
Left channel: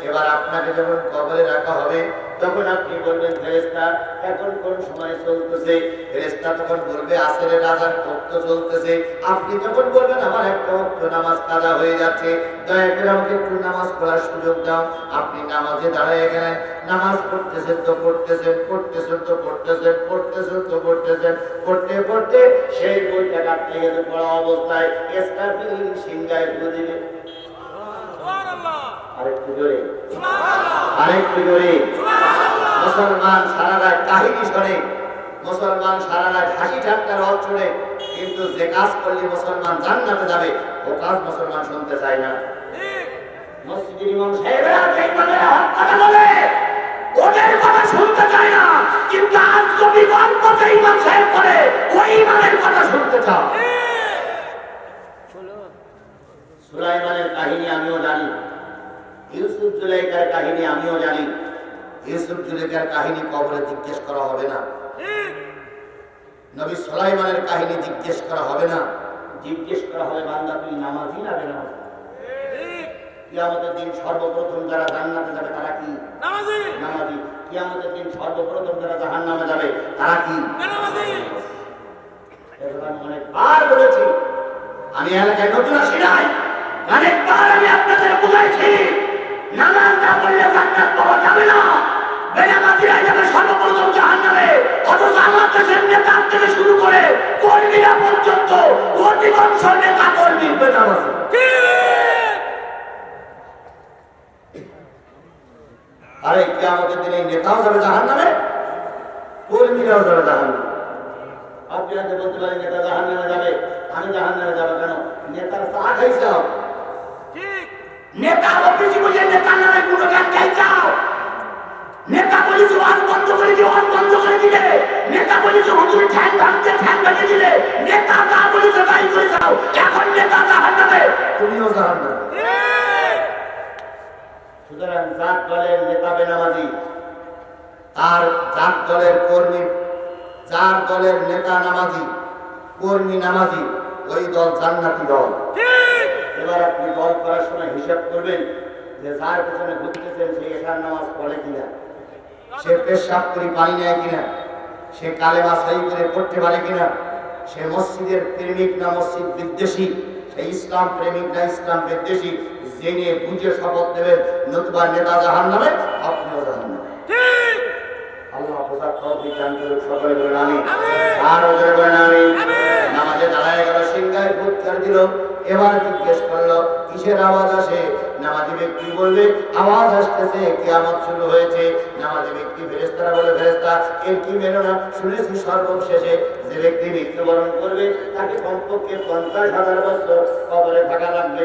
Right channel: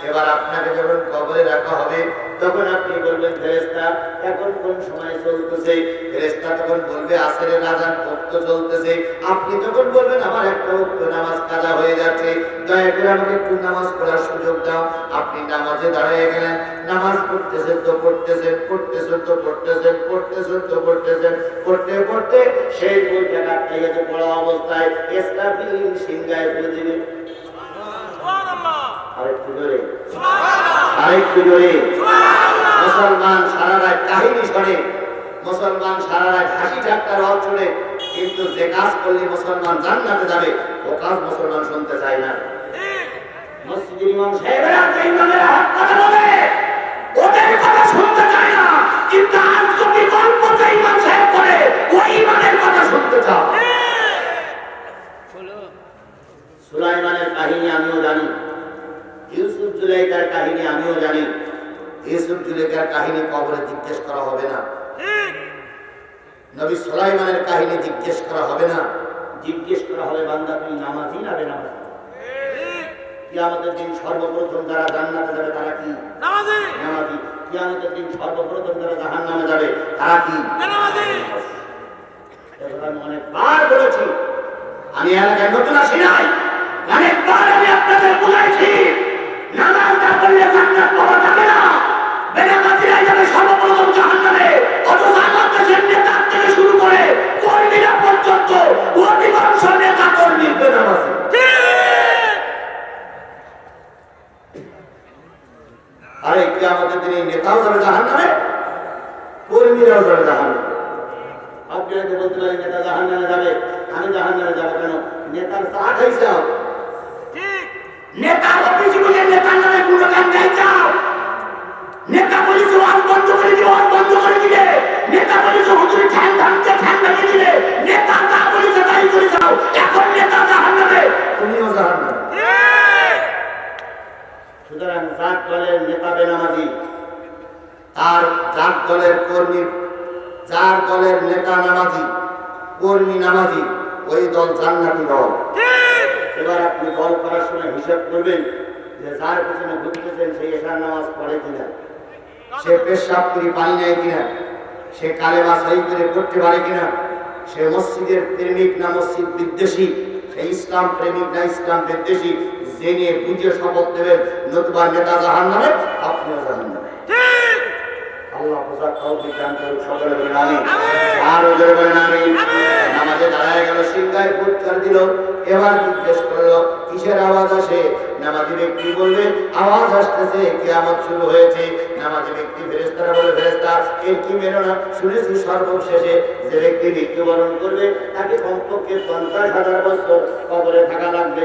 এবার আপনাকে যখন কবরে রাখা হবে তখন আপনি বলবেন ফেরেশতা এখন কোন সময় চলতেছে, ফেরেশতা তখন বলবে আসরের আযান ওয়াক্ত চলতেছে, আপনি তখন বলবেন আমার একটা ওয়াক্ত নামাজ কাজা হয়ে যাচ্ছে, দয়া করে আমাকে একটু নামাজ পড়ার সুযোগ দাও। আপনি নামাজে দাঁড়িয়ে গেলেন, নামাজ পড়তেছেন তো পড়তেছেন, পড়তেছেন তো পড়তেছেন, পড়তেছেন তো পড়তেছেন, পড়তে পড়তে সেই বইটা কাটতে গেছে পড়া অবস্থায় ইসরাফিল সিংহায় ফু দিবে। আরেকটু জোরে, আরেকটু জোরে। মুসলমান সারা রাত কাহিনী শোনে, মুসলমান সারা রাত হাসি ঠাট্টার রব শুনে, কিন্তু যে কাজ করলে মুসলমান জান্নাতে যাবে ও কাজ মুসলমান শুনতে চায় না। মসজিদের ইমাম সাহেবরা যে ইমামের হক কথা বলে ওদের কথা শুনতে চায় না, কিন্তু আজ কবি গল্প যে ইমাম সাহেব করে ওই ইমামের কথা শুনতে চায়। সুলাইমানের কাহিনী আমিও জানি, ইউসুফ জুলাইখার কাহিনী আমিও জানি। ইউসুফ জুলাইখার কাহিনী কবরে জিজ্ঞেস করা হবে না, নবী সুলাইমানের কাহিনী জিজ্ঞেস করা হবে না, জিজ্ঞেস করা হবে বান্দা তুই নামাজি না বেনামাজি। কিয়ামতের দিন সর্বপ্রথম যারা জান্নাতে যাবে তারা কি? নামাজি। নামাজি। কিয়ামতের দিন সর্বপ্রথম যারা জাহান্নামে যাবে তারা কি? বেনামাজি। এবার আমি অনেকবার বলেছি, আমি এলাকায় নতুন আসি নাই, অনেকবার আমি আপনাদের বুঝাইছি নামাজ না পড়লে জান্নাত পাওয়া যাবে না, বেনামাজিরা যাবে সর্বপ্রথম জাহান্নামে। অথচ আল্লাহর কাছে নেতা থেকে শুরু করে কর্মীরা পর্যন্ত অধিকাংশ নেতা কর্মী বেনামাজি। আরে কিয়ামতের দিনে নেতাও যাবে জাহান্নামে, কর্মীরাও যাবে জাহান্নামে। আপনি হয়তো বলতে পারেন নেতা জাহান্নামে যাবে, আমি জাহান্নামে যাবো কেন? নেতার চা খাইছাও, নেতার অফিসে বসে নেতার নামে কোনো গান গাইছাও, নেতা বলেছে ওয়াজ বন্ধ করে দিবে, ওয়াজ বন্ধ করে দিলে, নেতা বলেছে হুজুর ঠ্যাং ভাঙতে ঠ্যাং ভেঙে দিলে, নেতা যা বলেছে তাই করেছাও, এখন নেতা জাহান্নামে, তুমিও জাহান্নামে। সুতরাং জাত দলের নেতা বেনামাজি, আর জাত দলের কর্মী, যার দলের নেতা নামাজি, কর্মী নামাজি, ওই দল জান্নাতি দল। এবার আপনি দল করার সময় হিসাব করবেন যে যার পেছনে ঘুরতেছেন সে এশার নামাজ পড়ে কিনা, সে পেশাব করে পানি নেয় কিনা, সে কালেমা সহি করে পড়তে পারে কিনা, সে মসজিদের প্রেমিক না মসজিদ বিদ্বেষী, সে ইসলাম প্রেমিক না ইসলাম বিদ্বেষী, জেনে বুঝে শপথ দেবেন, নতুবা নেতা জাহান্নামে, আপনিও জাহান্নামে। আল্লাহ বোঝার তৌফিক দান করুন, সকলে বলেন আমিন। আর ওদের বলেন আমিন। নামাজে দাঁড়ায় গেল, সিংহায় ফুৎ করে দিল, এবার জিজ্ঞেস করলো কিসের আওয়াজ আসে? নামাজি ব্যক্তি বলবে আওয়াজ আসতেছে কিয়ামত শুরু হয়েছে। নামাজি ব্যক্তি ফেরেশতারা বলে ফেরেশতা এর কি মেনো না, শুনেছি সর্বশেষে যে ব্যক্তি মৃত্যুবরণ করবে তাকে কমপক্ষে 50,000 বছর কবরে থাকা লাগবে।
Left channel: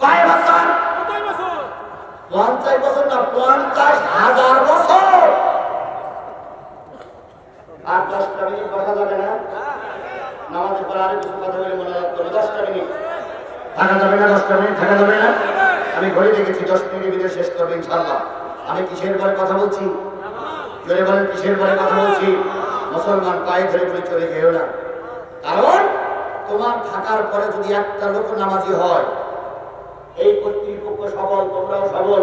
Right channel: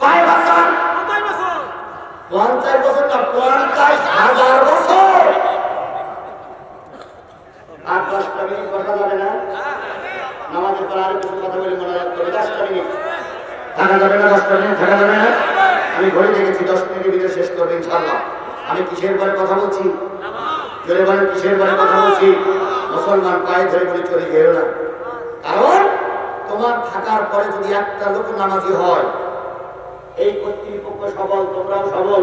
কয় বছর? 50 বছর না, 50,000 বছর। আর 10টা মিনিট বসা যাবে না, নামাজের পর আরো কিছু কথা বলে মনে রাখতে হবে। 10টা মিনিট থাকা যাবে না, 10টা মিনিট থাকা যাবে না। আমি ঘড়ি দেখেছি 10 মিনিটের ভিতরে শেষ করবে ইনশাআল্লাহ। আমি কিসের পরে কথা বলছি? জোরে বলেন কিসের পরে কথা বলছি? মুসলমান পায়ে ধরে বলে চলে যেও না, কারণ তোমার থাকার পরে যদি একটা লোক নামাজি হয়, এই কর্তৃপক্ষ সবল, তোমরাও সবল,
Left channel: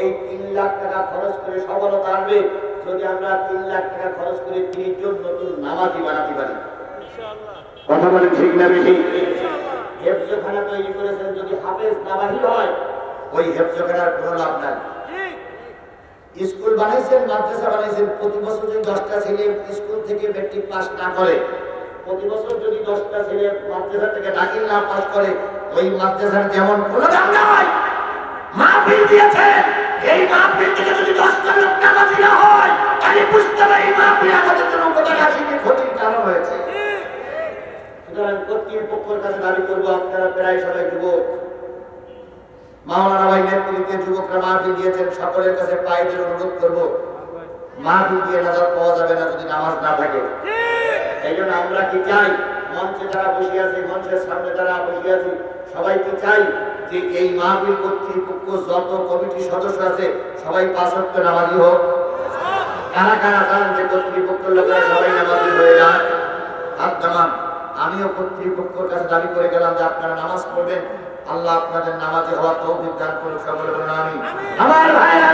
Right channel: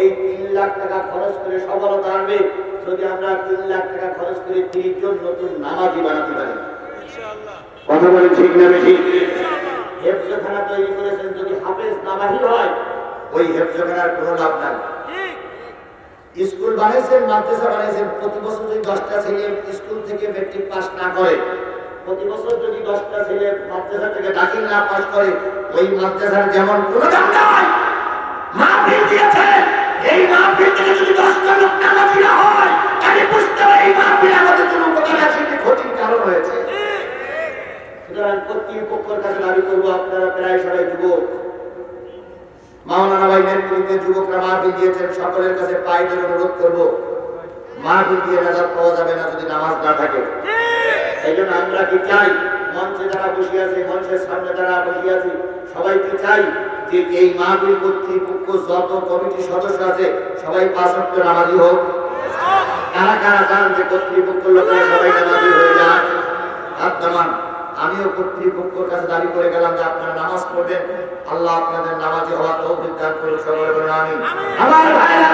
এই 3 লাখ টাকা খরচ করে সবলতা আসবে যদি আমরা 3 লাখ টাকা খরচ করে 30 জন নতুন নামাজি বানাতে পারি। কথা বলি ঠিক না বেশি? হেফজখানা তৈরি করেছেন, যদি হাফেজ না বাহির হয় ওই হেফজখানার কোনো লাভ নাই। স্কুল বানাইছেন, মাদ্রাসা বানাইছেন, প্রতি বছর যদি 10টা ছেলে স্কুল থেকে মেট্রিক পাস না করে, প্রতি বছর যদি 10টা ছেলে মাদ্রাসা থেকে দাখিল না পাস করে, ওই মাদ্রাসার যেমন কোনো দাম নাই। মাহফিল দিয়েছেন, এই মাহফিল থেকে যদি 10টা লোক নামাজি না হয় তাহলে বুঝতে হবে এই মাহফিল আমাদের জন্য উপকার আসেনি, ক্ষতির কারণ হয়েছে। সুতরাং কর্তৃপক্ষের কাছে দাবি করবো, আপনারা প্রায় সবাই যুবক, মাওলানা ভাই নেতৃত্বে যুবকরা মাহফিল দিয়েছেন, সকলের কাছে পায়ে ধরে অনুরোধ করবো, মাহফিল দিয়ে নাজাত পাওয়া যাবে না যদি নামাজ না থাকে। এই জন্য আমরা কি চাই, মঞ্চে যারা বসে আছে, মঞ্চের সামনে যারা বসে আছি, সবাই কি চাই যে এই মাহফিল কর্তৃপক্ষ যত কমিটির সদস্য আছে সবাই 5 ওয়াক্ত নামাজি হোক? কারা কারা চান যে কর্তৃপক্ষের লোকেরা সবাই নামাজি হয়ে যাক? হাত নামান। আমিও কর্তৃপক্ষের কাছে দাবি করে গেলাম যে আপনারা নামাজ পড়বেন, আল্লাহ আপনাদের নামাজে হওয়া তৌফিক দান করুন, সকলে বলুন আমিন। আমার ভাইরা,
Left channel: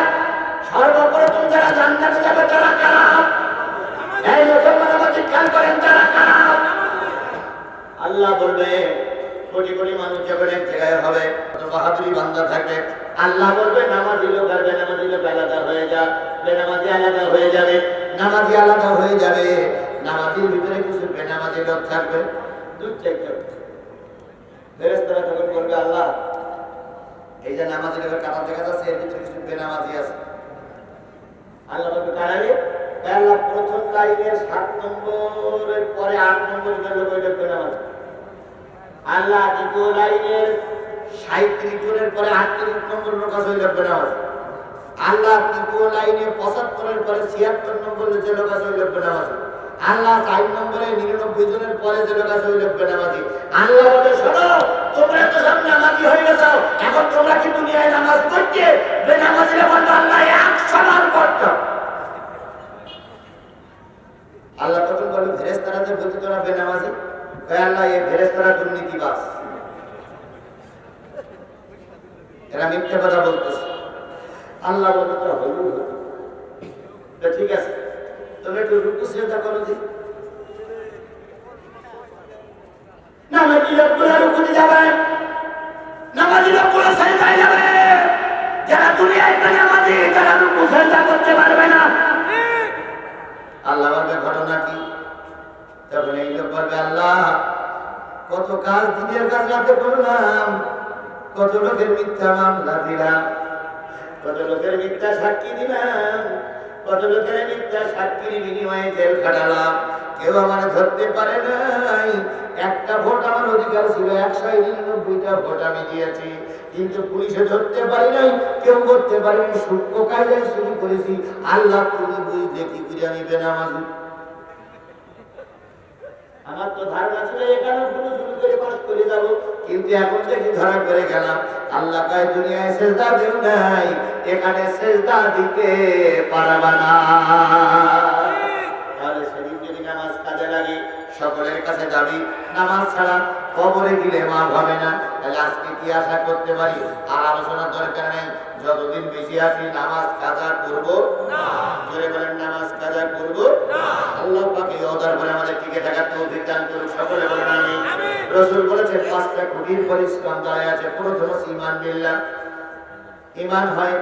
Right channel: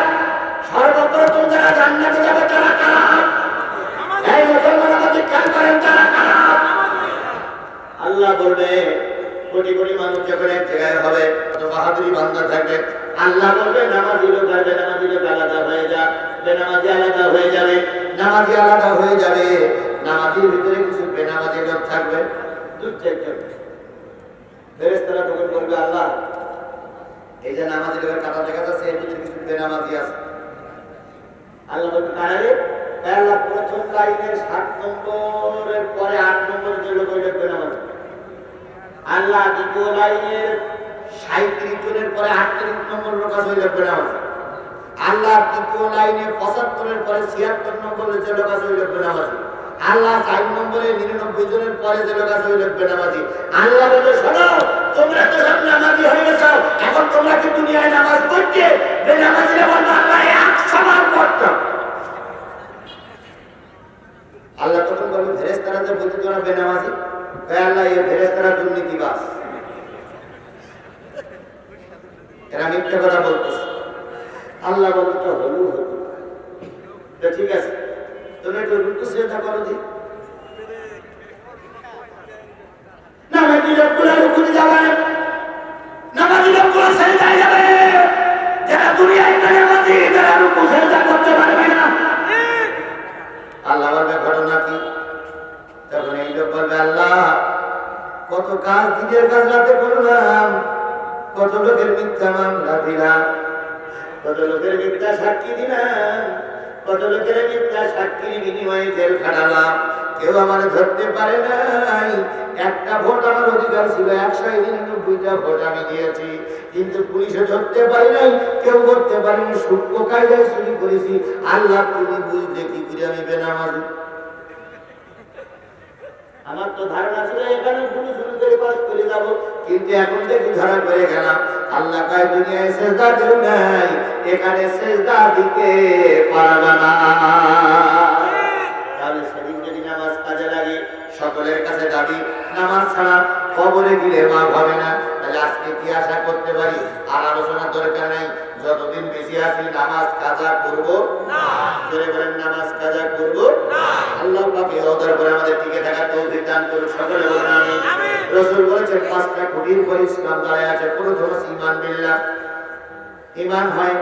সর্বপ্রথম যারা জান্নাতে যাবে তারা কারা? এই মুসলমানরা খেয়াল করেন, তারা কারা? আল্লাহ বলবে, কোটি কোটি মানুষ যখন এক জায়গায় হবে, তো বাহাদুরি বান্দা থাকবে, আল্লাহ বলবে নামাজি লোক আর বেনামাজি লোক আলাদা হয়ে যা, বেনামাজি আলাদা হয়ে যাবে, নামাজি আলাদা হয়ে যাবে, নামাজির ভিতরে কিছু বেনামাজি লোক থাকবে। দূর থেকে ফেরেশতারা তখন বলবে, আল্লাহ এই যে নামাজি লোকের কাতার দেখা যাচ্ছে, এর ভিতরে কিছু বেনামাজি আছে। আল্লাহ বলবে, কারাইলে আল্লাহ প্রথম লাইনের 7 নম্বরের পরে 8 নম্বরের যে লোক, ওই লোক বেনামাজি। আল্লাহ দ্বিতীয় লাইনের 37 জনের পরে 38 নম্বর লোক আছে, ওই লোক বেনামাজি। আল্লাহ তৃতীয় লাইনে 75 এর পরে 76 নম্বরের যে লোক আছে, ওই লোক বেনামাজি। আল্লাহ 4 নম্বরে 99 জনের পরে যে লোক আছে, ওই লোক বেনামাজি। আল্লাহ বলে, শোনো, তোমরা তো সব নামাজি হয়ে গেছো, এখন তোমরা কি দুনিয়ায় নামাজ পড়তে? বেনামাজিরা বলবে, আল্লাহ 100 বার পড়তাম। আল্লাহ তখন বলবে, ফেরেশতারা যে বলছে তোরা বেনামাজি, আল্লাহ এই ফেরেশতারা দুর্নীতিবাজ, এরা মিথ্যে কথা বলতেছে। আল্লাহ বলবে, তো হলো হতো, ঠিক আছে, তুমি একটু রুকু সিজদা করো দি। নামাজি লোকগুলো রুকুতে যাবে, নামাজি লোকগুলো সিজদায় যাবে। যারা দুনিয়ায় বেনামাজি, যারা রুকু সিজদা করতে পারবে না, আল্লাহ বলবে, ঘটনা কি? তখন এই লোক বলবে, আল্লাহ কত কাজ, দিনের কাজ রাতে করলাম, কত লোকের মিথ্যা মামলা দিলাম, কত লোকের মিথ্যা সাক্ষী দিলাম, কত লোকের মিথ্যা সাক্ষীর বিনিময়ে জেল খাটালাম, কেউ আমার ধরতে পারে নাই। একটা ভোট আমার অধিকার ছিল, 199টা ভোট আমি দিয়েছি, কিন্তু পুলিশে ধরতে পারি নাই, কেউ ধরতে পারেনি, সূক্ষ্ম কায়দায় চুরি করেছি। আল্লাহ তুমি বুঝলে কি করে আমি বেনামাজি? আমার তো ধারণা ছিল এখানে পুলিশ করে পাস করে যাব, কিন্তু এখন দেখি ধরা করে গেলাম। আল্লাহ কয়, দুনিয়ায় সেজদা দেও নাই, এখানে সেজদা দিতে পারবা না। তাহলে সেদিন যদি নামাজ কাজে লাগে, সকলের কাছে দাবি নামাজ ছাড়া কবরে গেলে মা হবে না, তাহলে আজকে কি আশা করতে পারি? আর আলোচনার দরকার নেই, যতদিন বেশি আছি নামাজ কাজা করব না। জোরে বলেন, নামাজ কাজা করব না। আল্লাহ পাক এই ওদের পরে আমাদের টিকে থাকার তৌফিক দান করুন, সকলে বলেন আমিন। রাসূল বলেছেন 5টা খুঁটির পর ইসলাম দাঁড়ায় আছে। প্রথম আছে ঈমান বিল্লাহ, ঈমান হয়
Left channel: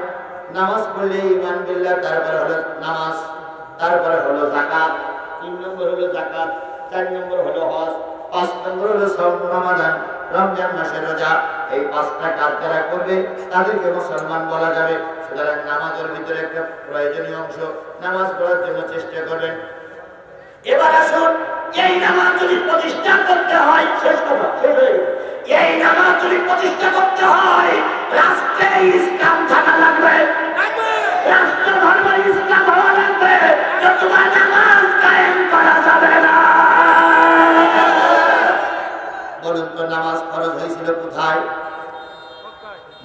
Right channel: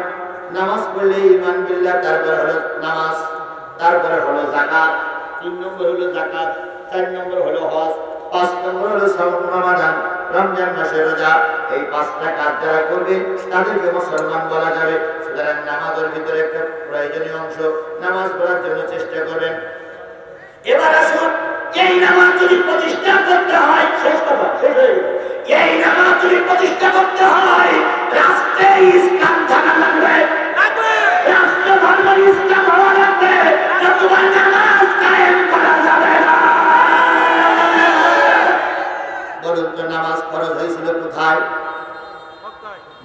নামাজ পড়লে ঈমান বিল্লাহ, তারপরে হলো নামাজ, তারপরে হলো যাকাত, 3 নম্বর হলো যাকাত, 4 নম্বর হলো হজ, 5 নম্বর হলো সাওম রমাদান, রমজান মাসের রোজা। এই 5টা কাজ যারা করবে তাদেরকে মুসলমান বলা যাবে। সুতরাং নামাজের ভিতরে একটা প্রয়োজনীয় অংশ, নামাজ পড়ার জন্য চেষ্টা করবেন। এবার আসুন, এই নামাজ যদি প্রতিষ্ঠা করতে হয়, শেষ কথা, শেষ হয়ে গেছে, এই নামাজ যদি প্রতিষ্ঠা করতে হয়, রাষ্ট্রে ইসলাম থাকা লাগবে, রাষ্ট্র ধর্ম ইসলাম হওয়া লাগবে, নতুবা নামাজ কায়েম করা যাবে না। বলুন তো, নামাজ ফরজ হয়েছিল কোথায়?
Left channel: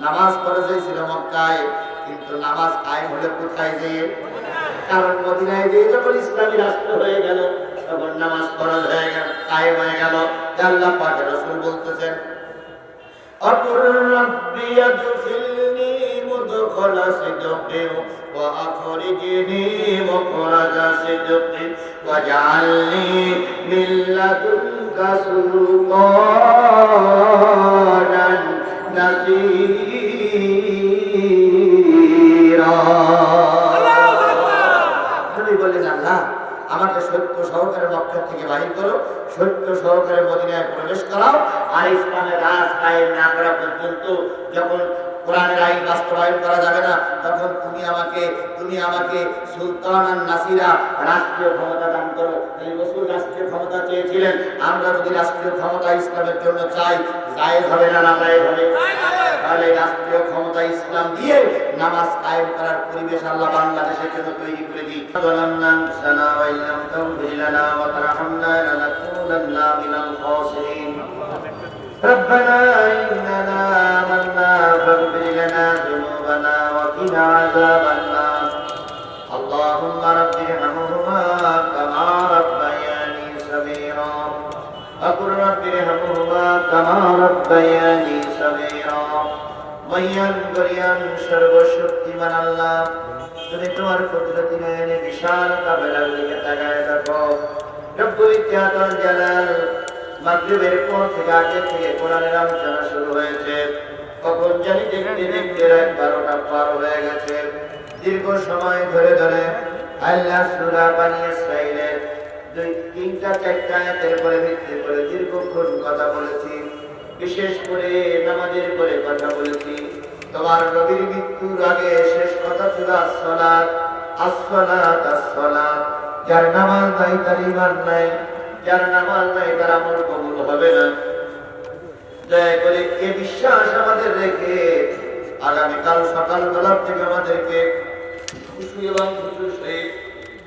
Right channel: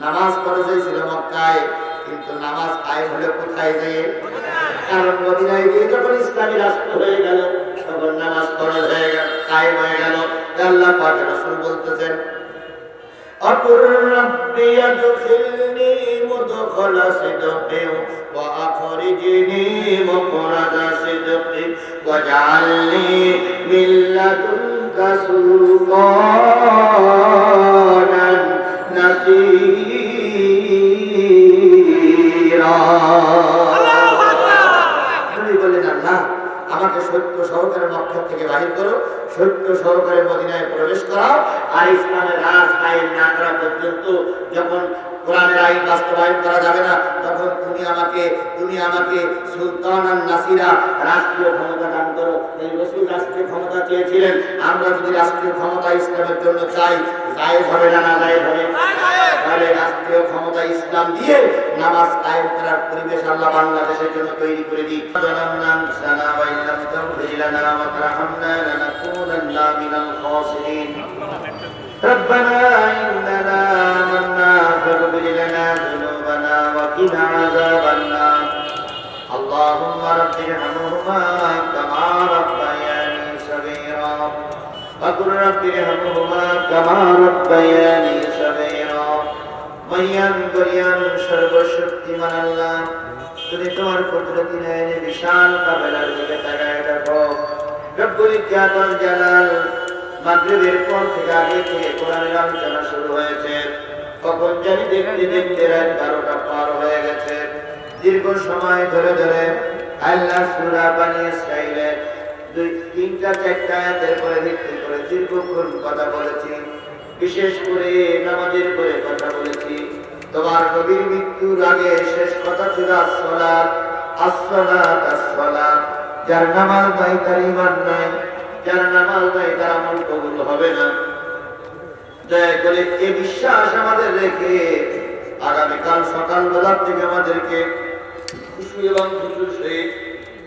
নামাজ ফরজ হয়েছিল মক্কায়, কিন্তু নামাজ কায়েম হলে কোথায়? যে কারণ মদিনায় দিয়ে যখন ইসলামী রাষ্ট্র হয়ে গেল, তখন নামাজ ফরজ হয়ে গেল, কায়েম হয়ে গেল। আল্লাহ পাক রাসূল বলতেছেন, আকুর রাব্বি আদখিলনি মুদখালা সিদকিন ওয়া আখরিজনি মুখরাজা সিদকিন ওয়াজআলনি মিন লাদুনকা সুলতানান নাসীরা। আল্লাহু আকবার। নবী বললেন, আল্লাহ আমাকে সত্য সহকারে মক্কা থেকে বাহির করো, সত্য সহকারে মদিনায় প্রবেশ করাও, আর ইসলামের রাজ কায়েম না করা পর্যন্ত, যখন কোরআনের আইন বাস্তবায়ন করা যাবে না, তখন তুমি আমাকে সুলতান আর নাসিরা, রাষ্ট্রীয় ক্ষমতা দান করো। এই রাসূল রাষ্ট্রীয় ক্ষমতা চেয়েছিলেন। আমরা যদি রাষ্ট্রীয় ক্ষমতা ইসলামের জন্য চাই, জায়েজ হবে না? না জায়েজ হবে? তাহলে রাষ্ট্রীয় ক্ষমতা ইসলাম দিয়ে নামাজ কায়েম করার পরিবেশ আল্লাহ বাংলাদেশের জন্য তৈরি করে দিই। ربنا إننا آمنا فاغفر لنا ذنوبنا وقنا عذاب النار اللهم رب ارحمهما كما ربياني صغيرا মহিয়ান গরিয়ান সর্বশক্তিমান আল্লাহ, তুমি তোমার কুদরতি নয়নে বিশাল কাবেলার দিকে তাকায় দেখো। রব্বুল ইজ্জাত ওয়াল জালাল, মাগরিবের পর থেকে আগে থেকে কোরআনের আলোচনা শুরু হয়েছে, কখন জানি দেখতে দেখতে রাত 12টা পার হয়ে গেছে। দীর্ঘ সময় ধরে ধরে আল্লাহ সূরা বনী ইসরাঈলের 2-3টা 4টা আয়াতের উপরে ভিত্তি করে দীর্ঘক্ষণ কথা বলেছি। বিশেষ করে নামাজের পরে কথা বলেছি। তোমার নবীর মৃত্যুর আগে শেষ কথা ছিল আসসালাত, আসসালাত, আসসালাত। যার নামাজ নাই তার ঈমান নাই, যার নামাজ নাই তার আমল কবুল হবে না। দয়া করে এই বিশ্বাস আমাদের রেখে আগামীকাল সকালবেলা থেকে আমাদেরকে খুশি এবং খুশির সহিত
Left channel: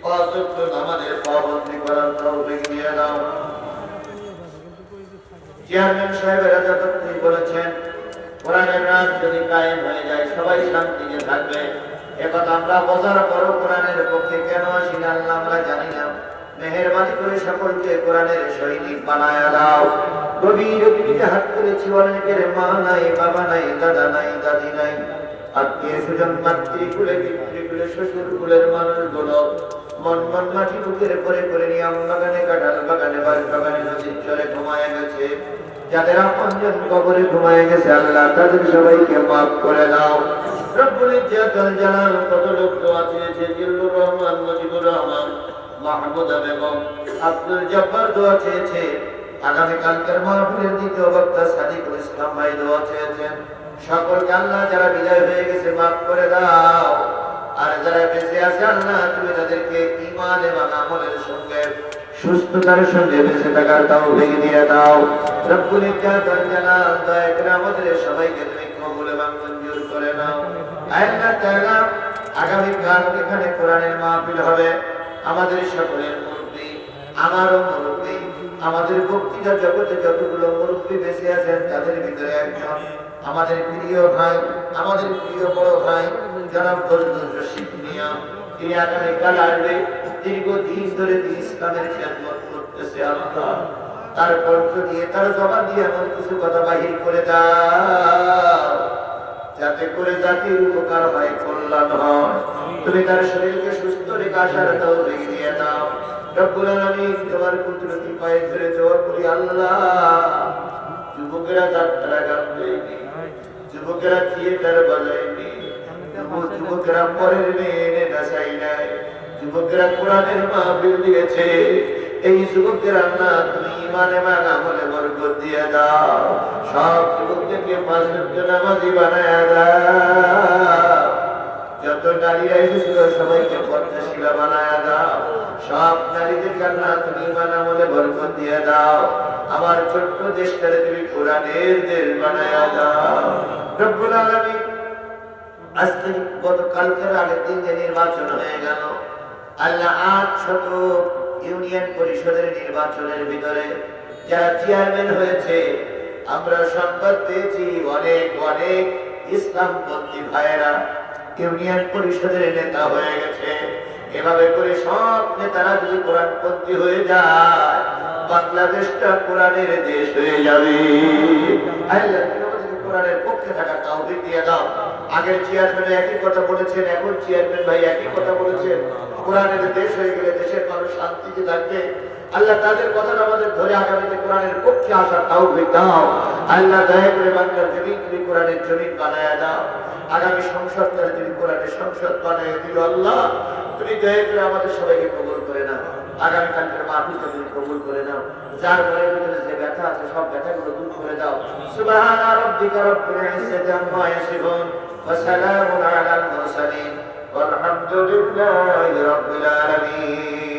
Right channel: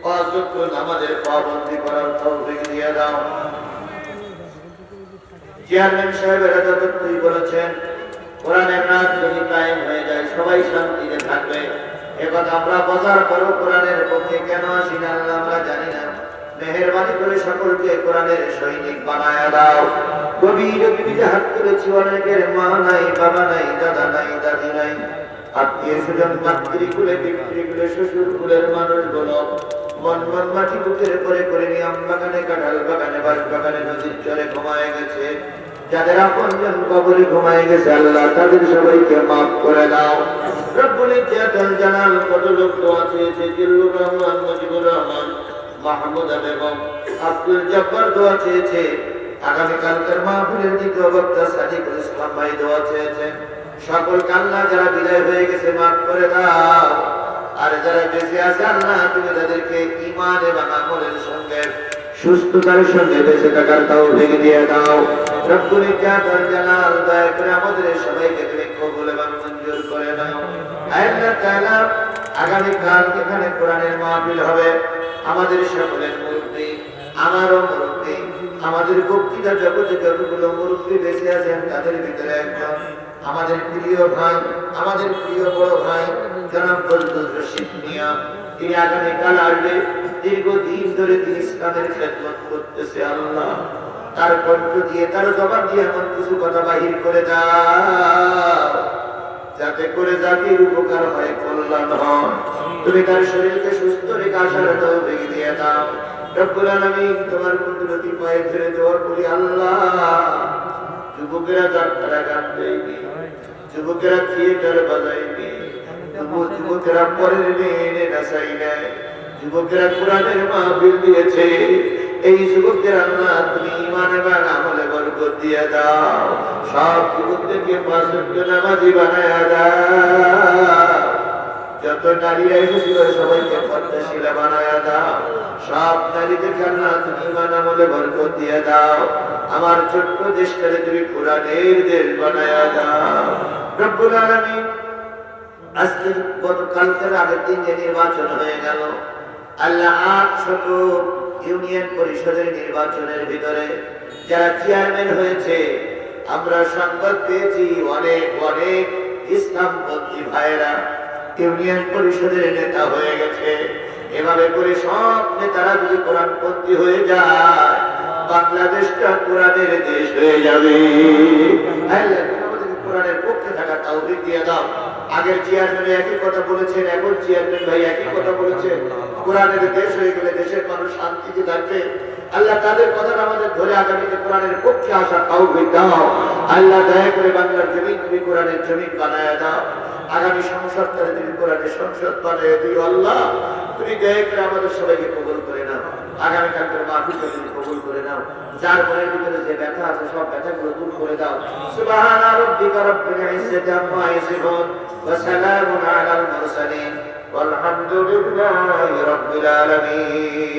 5 ওয়াক্ত নামাজের পাবন্দি করার তৌফিক দিয়ে দাও। চেয়ারম্যান সাহেবেরা যতটুকুই বলেছেন, কোরআনের রাত যদি কায়েম হয়ে যায় সবাই শান্তিতে থাকবে। এখন আমরা বোঝার পরও কোরআনের পক্ষে কেন আসি না আল্লাহ আমরা জানি না। মেহেরবানি করে সকলকে কোরআনের সৈনিক বানায়া দাও। গভীর গভীর হাত তুলেছি, অনেকের মা নাই, বাবা নাই, দাদা নাই, দাদি নাই, আত্মীয় স্বজন, মাতৃকুলে, পিতৃকুলে, শ্বশুরকুলের মানুষগুলো মন মন মাটি বুকের করে করে নিয়ে আম বাগানে, কাঁঠাল বাগানে, বাঁশ বাগানে, নদীর চরে ঘুমায় গেছে। যাদের আপনজন কবরে ঘুমায় গেছে আল্লাহ তাদের সবাইকে মাফ করে দাও। রব্বুল ইজ্জাত ওয়াল জালাল, কত লোক দোয়া চেয়েছে, জিল্লুর রহমান, মুজিবুর রহমান, মাহমুদা বেগম, আব্দুল জব্বার দোয়া চেয়েছে। আগামী কালকের মাহফিলের দ্বিতীয় বক্তা সাদিকুল ইসলাম ভাই দোয়া চেয়েছেন। সকলকে আল্লাহ যারা বিদায় হয়ে গেছে মাফ করে দাও, আর যারা বেঁচে আছে আল্লাহ তুমি তাদেরকে ঈমান এবং আমলের সঙ্গে সুস্থতার সঙ্গে বেঁচে থাকার তৌফিক দিয়ে দাও। রব্বুল ইজ্জাত ওয়াল জালাল, দয়া করে আমাদের সবাইকে তুমি কবুল এবং মঞ্জুর করে নাও। আল্লাহ তাআলা, আগামী কাল এখানে কোরআনের মাহফিল হবে। আমাদের সকলের মুরব্বি, আমারও মুরব্বি, আমাদের বক্তৃতা জগতে যতগুলো মুরব্বি বেঁচে আছেন তাদের ভিতরে একজন আমাদের প্রিয় ভাই, আমাদের প্রিয় বড় ভাই জনাব ফজলুর রশীদ মিয়া, তিনি আগামীকাল আসবে। দীর্ঘদিন ধরে তিনি ইসলামের খেদমত করতেছে। আল্লাহ তার কণ্ঠ দিয়ে, তার জবান দিয়ে এমন কিছু কথা বাহির করে দাও যাতে করে জাতির উপকার হয়, কল্যাণ হয়। তুমি তার শরীরকে সুস্থ রেখে আসার তৌফিক দিয়ে দাও। রব্বুল আলামিন, তোমার কুদরতি পায়ে ধরে দোয়া করি আল্লাহ, যুবকেরা যাত্রা গান দেয়নি, যুবকেরা থিয়েটার বাজায়নি, যুবকেরা পরের মেয়ে নাচাই নাই, যুবকেরা কোরআনের মাহফিল দিয়েছে। এই যুবকদের আল্লাহ তুমি ঈমান এবং আমলে বরকত দিয়ে দাও। সব যুবকদেরকে 5 ওয়াক্ত নামাজি বানায়া দাও। যত নারীরা এসেছিল সবাইকে পর্দাশীলা বানায়া দাও। সব নারীদেরকে আল্লাহ তুমি ঈমান আমলে বরকত দিয়ে দাও। আমার ছোট্ট দেশটাকে তুমি কোরআনের দেশ বানায়া দাও। রব্বুল আলামিন, আজকে গতকালকের আগের দিন যে নির্বাচন হয়ে গেল আল্লাহ, 800 ইউনিয়ন পরিষদের নির্বাচনের ভিতরে যারা চেয়ারম্যান হয়েছে, আমরা সংবাদ পেয়েছি অনেক অনেক ইসলামপন্থী ভাইয়েরা ইউনিয়ন পরিষদের নেতা হয়ে গেছে। এভাবে করে সব নেতারা যদি কোরআনপন্থী হয়ে যায়, বাংলাদেশটা কোরআনের দেশ হয়ে যাবে। আল্লাহ কোরআনের পক্ষে থাকার তৌফিক দিয়ে দাও। আগের চেয়ারম্যান একই কথা বলেছেন, এখন চেয়ারম্যান ভাই একই কথা বলেছেন। কোরআনের দেশ হয়ে গেলে দেশের মানুষ শান্তিতে থাকবে। আল্লাহ তাদের কথাটা আমাদের ধরে আগামীতে কোরআনের পক্ষে আসার তৌফিক দাও। আল্লাহ দয়া করে বাংলার জমিন তুমি কোরআনের জমিন বানায়া দাও। আগামী সংসদটারে তুমি কোরআনের সংসদ বানায়া দিও। আল্লাহ তুমি দয়া করে আমাদের সবাইকে কবুল করে নাও। আগামীকালকের মাহফিলটা তুমি কবুল করে নাও। যার মনের ভিতরে যে ব্যথা আছে সব ব্যথাগুলো দূর করে দাও। সুবহানা রাব্বিকা রাব্বিল ইজ্জাতি আম্মা ইয়াসিফুন ওয়া সালামুন আলাল মুরসালিন ওয়ালহামদুলিল্লাহি রাব্বিল আলামিন।